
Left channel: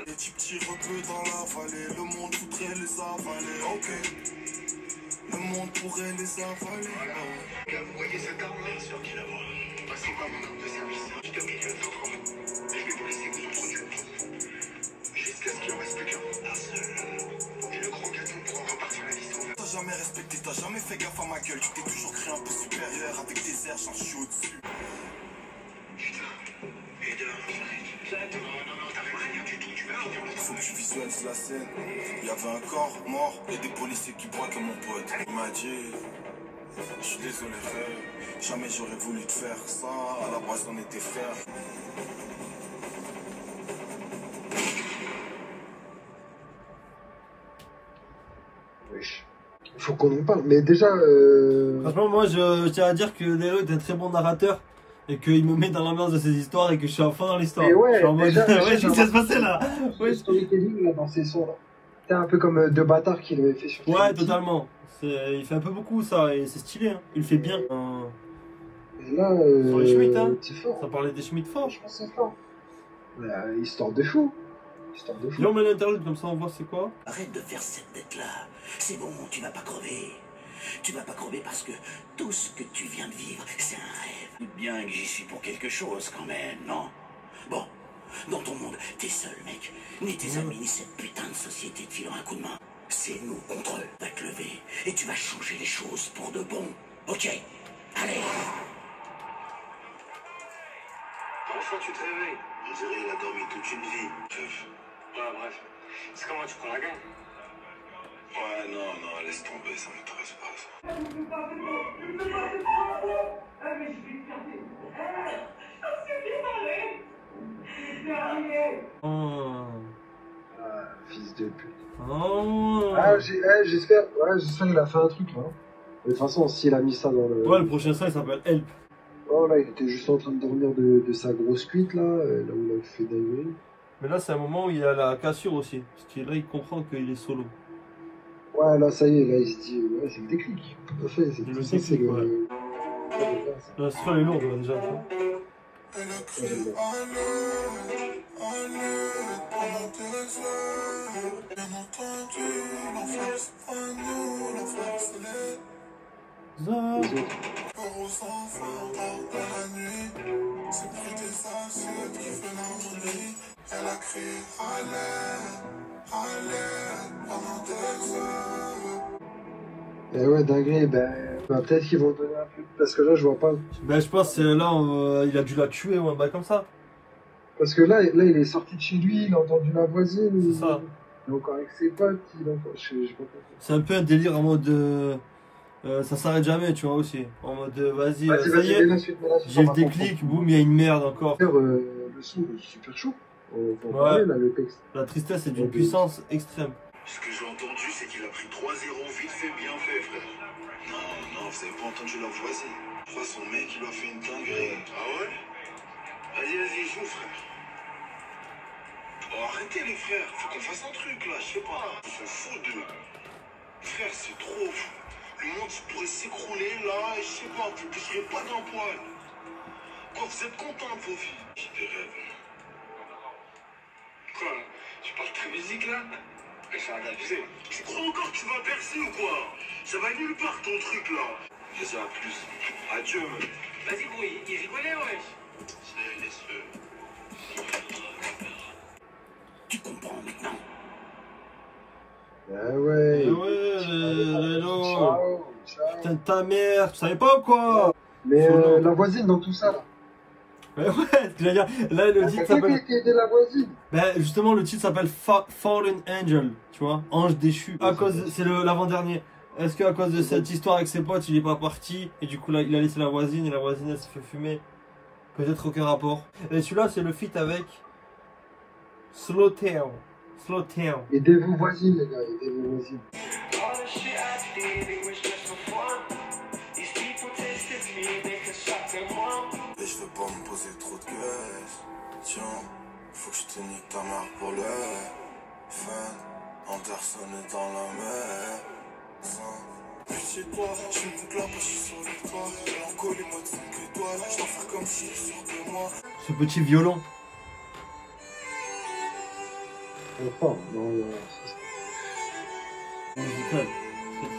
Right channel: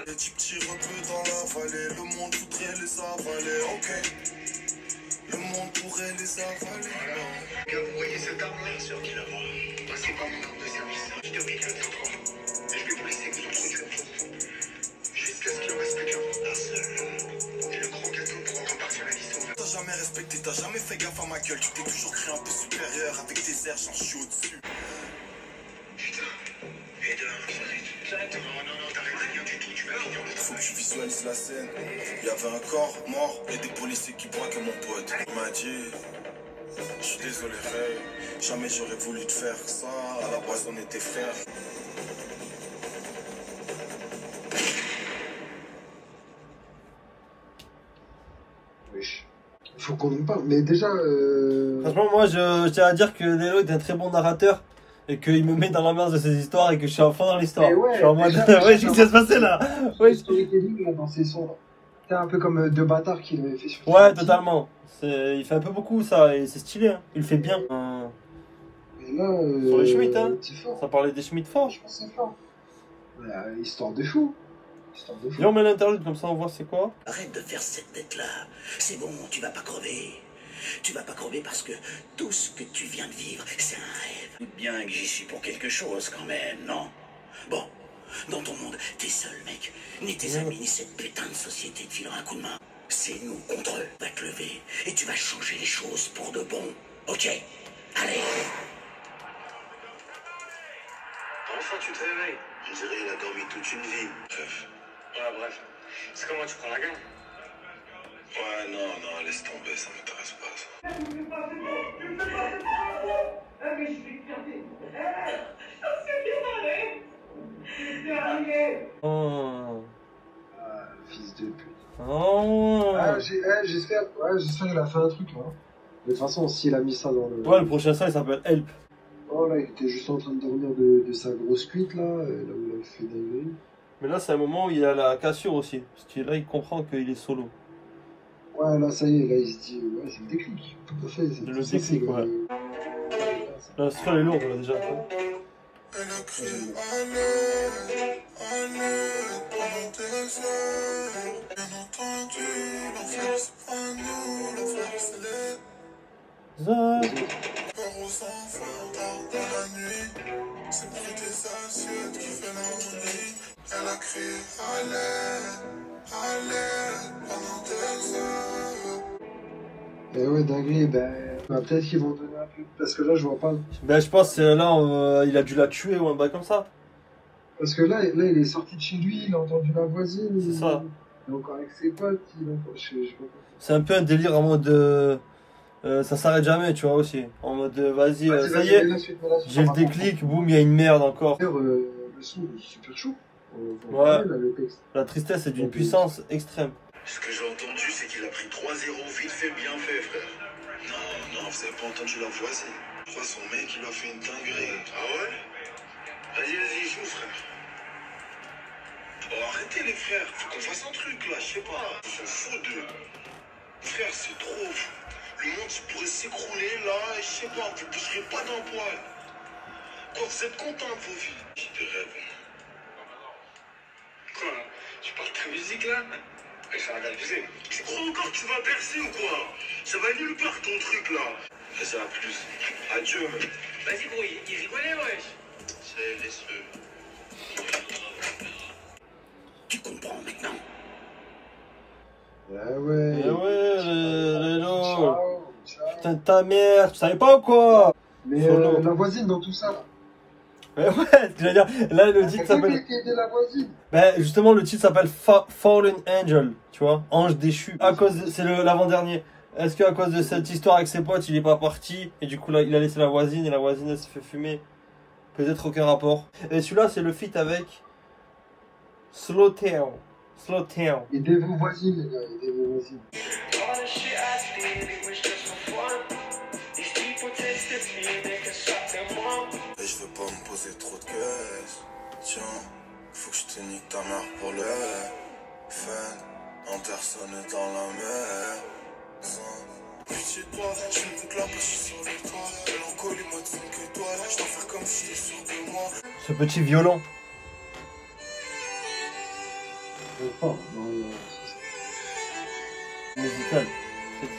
Les petits rebeux dans la vallée. Le monde voudrait les avaler, ok. Le monde pourrait les avaler. Quand vous voyez cette arme, bien sûr qu'il la voit. C'est pas mon arme de service. Je termine le temps pour vous. Et je vais vous laisser vous en produire tout. Jusqu'à ce qu'il en reste plus qu'un seul. Et le gros gâteau pour en repartir la licence. T'as jamais respecté, t'as jamais fait gaffe à ma gueule. Tu t'es toujours cru un peu supérieur. Avec tes airs, j'en suis au-dessus. Putain. Et dehors, j'arrête. Non, t'arrêtes rien du tout. Tu vas finir le Faut que tu visualises la scène. Il y avait un corps mort et des policiers qui braquaient mon pote. Il m'a dit, je suis désolé frère, jamais j'aurais voulu te faire ça. À la base on était frères. Wesh. Faut qu'on en parle. Mais déjà... Franchement, moi, je tiens à dire que Laylo est un très bon narrateur. Et qu'il me met dans l'ambiance de ses histoires et que je suis à fond dans l'histoire. Ouais, je suis en mode, ouais, je sais ce qui se passait là. Ouais, storytelling dans ces sons là. C'est un peu comme Deux Bâtards qu'il avait fait sur Ouais, totalement. Il fait un peu beaucoup ça et c'est stylé. Hein. Il le fait bien. Et là, sur les Schmitt, hein. C'est fort. Ça parlait des Schmitt forts. Je pense que c'est fort. Histoire de fou. Viens, on met l'interlude comme ça on voit c'est quoi. Arrête de faire cette tête-là. C'est bon, tu vas pas crever. Tu vas pas crever parce que tout ce que tu viens de vivre, c'est un rêve. Doute bien que j'y suis pour quelque chose quand même, non? Bon, Dans ton monde, t'es seul, mec. Ni tes amis, ni cette putain de société te filant un coup de main. C'est nous contre eux. Va te lever et tu vas changer les choses pour de bon. Ok? Allez. Enfin, tu te réveilles. On dirait qu'il a dormi toute une vie. Bref. Ouais, bref. C'est comment tu prends la gagne? Ouais, non, laisse tomber, ça m'intéresse pas, ça. Oh. Ah, fils de pute. Oh. Ah, j'espère qu'il a fait un truc, là. De toute façon, s'il a mis ça dans le... Ouais, le prochain son, il s'appelle Help. Oh, là, il était juste en train de dormir de sa grosse cuite, là où il a fait dinguerie. Mais là, c'est un moment où il a la cassure aussi. Parce que là, il comprend qu'il est solo. Ouais, là, ça y est, là, il se dit... Ouais, c'est le déclic. Tout à fait. C'est Le déclic, ouais. L'instru, elle est lourde, déjà. Elle a crié allez, pendant des heures. Bien entendu, l'enfer c'est pas nous, l'enfer c'est les peur aux enfants tard dans la nuit. C'est le bruit des assiettes qui fait l'harmonie. Elle a crié allez, pendant des heures. Et ouais, dinguerie, peut-être qu'ils vont donner un peu... Parce que là, je vois pas... Ben, je pense que là, il a dû la tuer ou un bail comme ça. Parce que là, il est sorti de chez lui, il a entendu la voisine. C'est ça. Il est encore avec ses potes, il est encore... Je sais pas quoi. C'est un peu un délire en mode... ça s'arrête jamais, tu vois, aussi. En mode, vas-y, ça y est, j'ai le déclic, boum, il y a une merde encore. Le son est super chaud. Ouais. Là, le texte. La tristesse est d'une puissance extrême. Ce que j'ai entendu, c'est qu'il a pris 3-0 vite fait, bien fait, frère. Non, vous avez pas entendu la voisine. Je crois son mec, il lui a fait une dinguerie. Ah ouais? Vas-y, joue, frère. Oh, arrêtez les frères, faut qu'on fasse un truc là, je sais pas. Ils sont fous d'eux. Frère, c'est trop fou. Le monde pourrait s'écrouler là, et je sais pas, vous toucherez pas d'un poil. Quoi, vous êtes contents de vos vies? J'ai des rêves. Quoi? Tu parles de ta musique là? Elle s'est abusée. Tu crois encore que tu vas percer ou quoi? Ça va nulle part ton truc là. Vas-y, à plus. Adieu, mec. Vas-y, gros, il rigolait, wesh. C'est laisse-le. Tu comprends maintenant? Ah ouais. Eh ouais, Lélo. Ciao. Putain de ta mère, tu savais pas ou quoi? Mais la voisine dans tout ça, là. Mais ouais, ce que j'allais dire, là le titre C'est pas s'appelle... qui a aidé la voisine. Ben justement le titre s'appelle Fallen Angel, tu vois, ange déchu. À cause de... c'est l'avant-dernier. Est-ce qu'à cause de cette histoire avec ses potes, il est pas parti et du coup là, il a laissé la voisine et la voisine elle se fait fumer? Peut-être aucun rapport. Et celui-là c'est le feat avec Slowtown. Aidez vos voisines, les gars, aidez vos voisines. Mais je veux pas me poser trop de questions. Tiens, faut que je te nique ta mère pour le fun. Anderson est dans la mer. Pitié de toi, je ne peux que la passer sur toi. Mélancolie, pas de fun que toi. Je dois faire comme si sûr que moi. Ce petit violon. Non. Musical.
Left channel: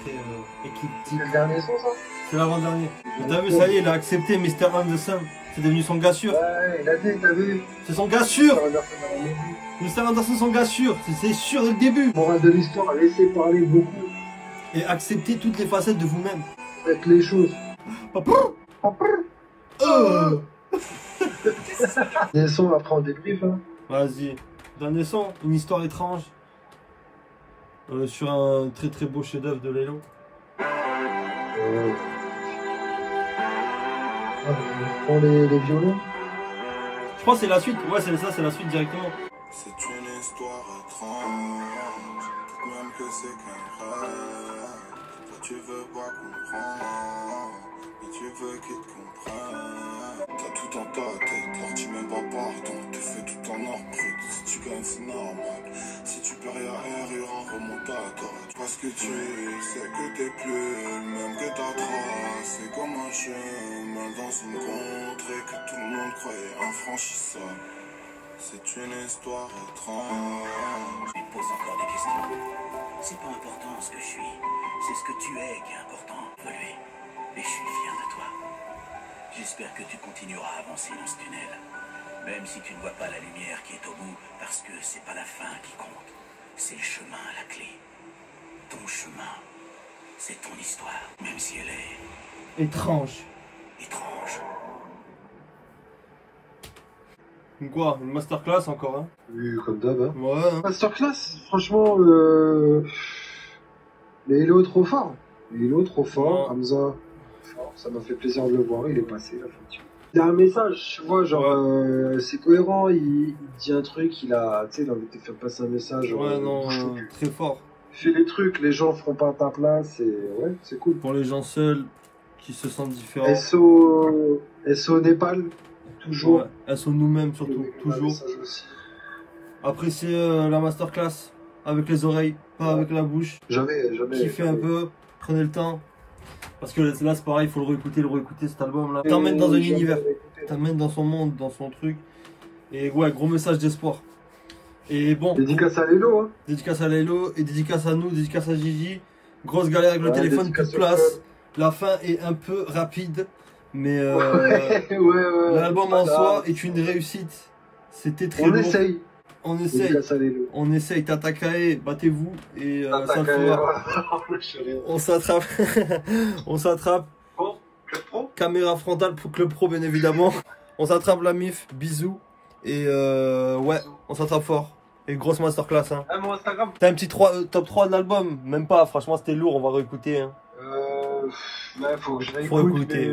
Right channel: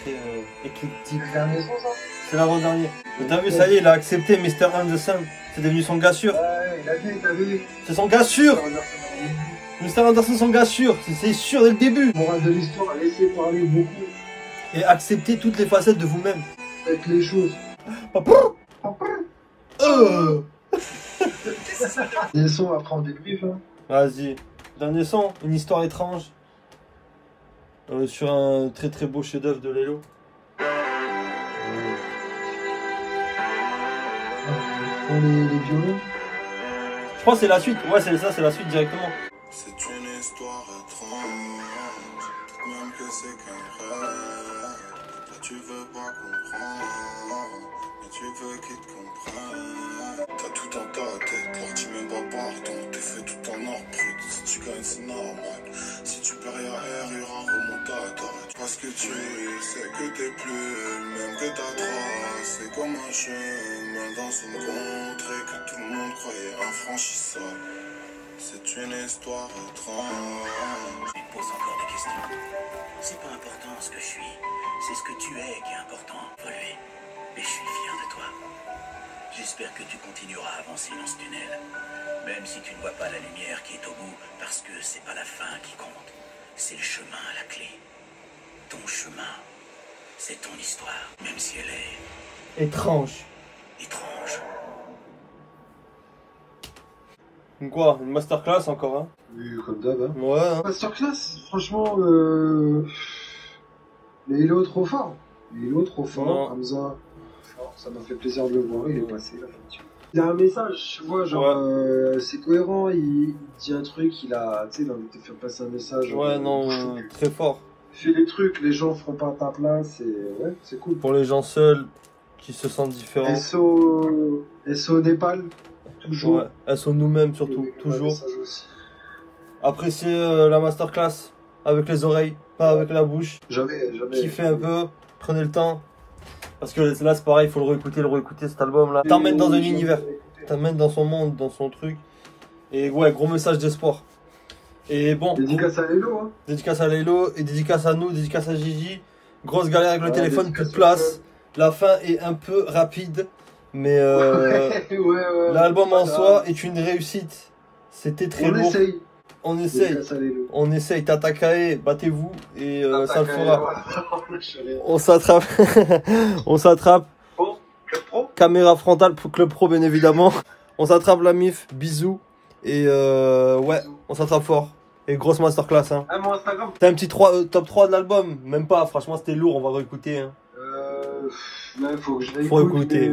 Très éclectique. C'est le dernier son, ça? C'est l'avant-dernier. Mais t'as vu, ça y est, il a accepté Mr. Anderson. C'est devenu son gars sûr. Ouais, il a dit, t'as vu? C'est son gars sûr. Mr. Anderson, son gars sûr. C'est sûr dès le début. Morale de l'histoire, laissez parler beaucoup. Et acceptez toutes les facettes de vous-même. Faites les choses. Les sons, après on débrief, hein. Vas-y. Dernier son, une histoire étrange. Sur un très très beau chef-d'œuvre de Lélo. On les violons. Je crois que c'est la suite. Ouais, c'est ça, c'est la suite directement. C'est une histoire étrange. Peut-être même que c'est qu'un rêve. Toi tu veux pas comprendre, mais tu veux qu'il te comprenne. T'as tout dans ta tête, leur dis même pas pardon. T'es fait tout en or brut, si tu gagnes c'est normal. Si tu perds y'a un remontada. Parce que tu sais que t'es plus le même que ta trace. C'est comme un chemin dans une contrée que tout le monde croyait infranchissable. C'est une histoire étrange. Tu me poses encore des questions. C'est pas important ce que je suis. C'est ce que tu es qui est important. Relevé. Mais je suis fier de toi. J'espère que tu continueras à avancer dans ce tunnel. Même si tu ne vois pas la lumière qui est au bout, parce que c'est pas la fin qui compte. C'est le chemin à la clé. Ton chemin, c'est ton histoire, même si elle est Étrange. étrange. Quoi, une masterclass encore, hein? Oui, comme d'hab. Hein. Ouais. Hein. Masterclass, franchement, mais il est trop fort. Il est trop fort, Hamza. Ça m'a fait plaisir de le voir, il est passé la fin. Il y a un message, tu vois, genre, c'est cohérent, il dit un truc, il a, tu sais, il a envie de te faire passer un message. Ouais, non, très fort. Fais des trucs, les gens feront pas à ta place, et ouais, c'est cool. Pour les gens seuls qui se sentent différents. SO Népal, toujours. Ouais, SO nous-mêmes surtout, toujours. Appréciez la masterclass avec les oreilles, pas avec la bouche. Jamais. Kiffez un peu, prenez le temps. Parce que là c'est pareil, il faut le réécouter cet album là. T'emmène dans un univers, t'emmène dans son monde, dans son truc. Et ouais, gros message d'espoir. Et bon. Dédicace à Lélo, hein. Dédicace à Lélo, et dédicace à nous, dédicace à Gigi. Grosse galère avec le téléphone, plus de place. La fin est un peu rapide, mais l'album en soi est une réussite. C'était très lourd. On essaye, Tatakae, battez-vous et ça le fera. On s'attrape. On s'attrape. Caméra frontale pour Club Pro, bien évidemment. On s'attrape la MIF, bisous. Et ouais, on s'attrape fort. Et grosse masterclass. Hein. T'as un petit top 3 de l'album? Même pas, franchement c'était lourd, on va réécouter. Hein. Ouais, faut que je réécoute. Faut écouter.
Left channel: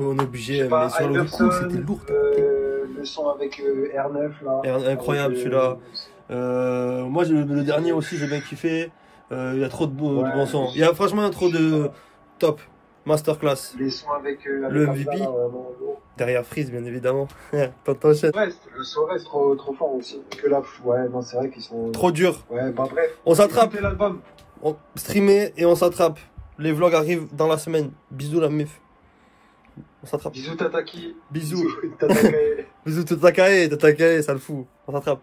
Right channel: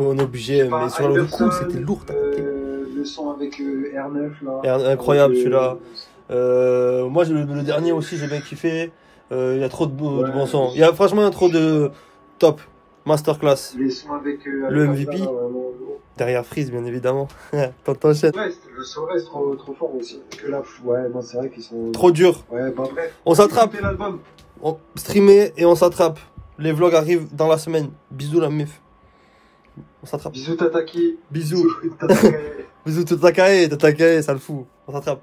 On est obligé, mais sur le coup c'était lourd. Le son avec R9 là. Incroyable celui-là. Moi le dernier aussi j'ai bien kiffé. Il y a trop de bons sons. Il y a franchement trop de top. Masterclass. Les sons avec le MVP. Là, derrière Freeze bien évidemment. T'enchaînes. Ouais, le son reste trop fort aussi. Que là, ouais, non, c'est vrai qu'ils sont. Trop dur. Ouais, bah bref. On s'attrape. On streamer et on s'attrape. Les vlogs arrivent dans la semaine. Bisous la MIF. On s'attrape. Bisous Tataki. Bisous. Bisous Tatakae, ça le fout. On s'attrape.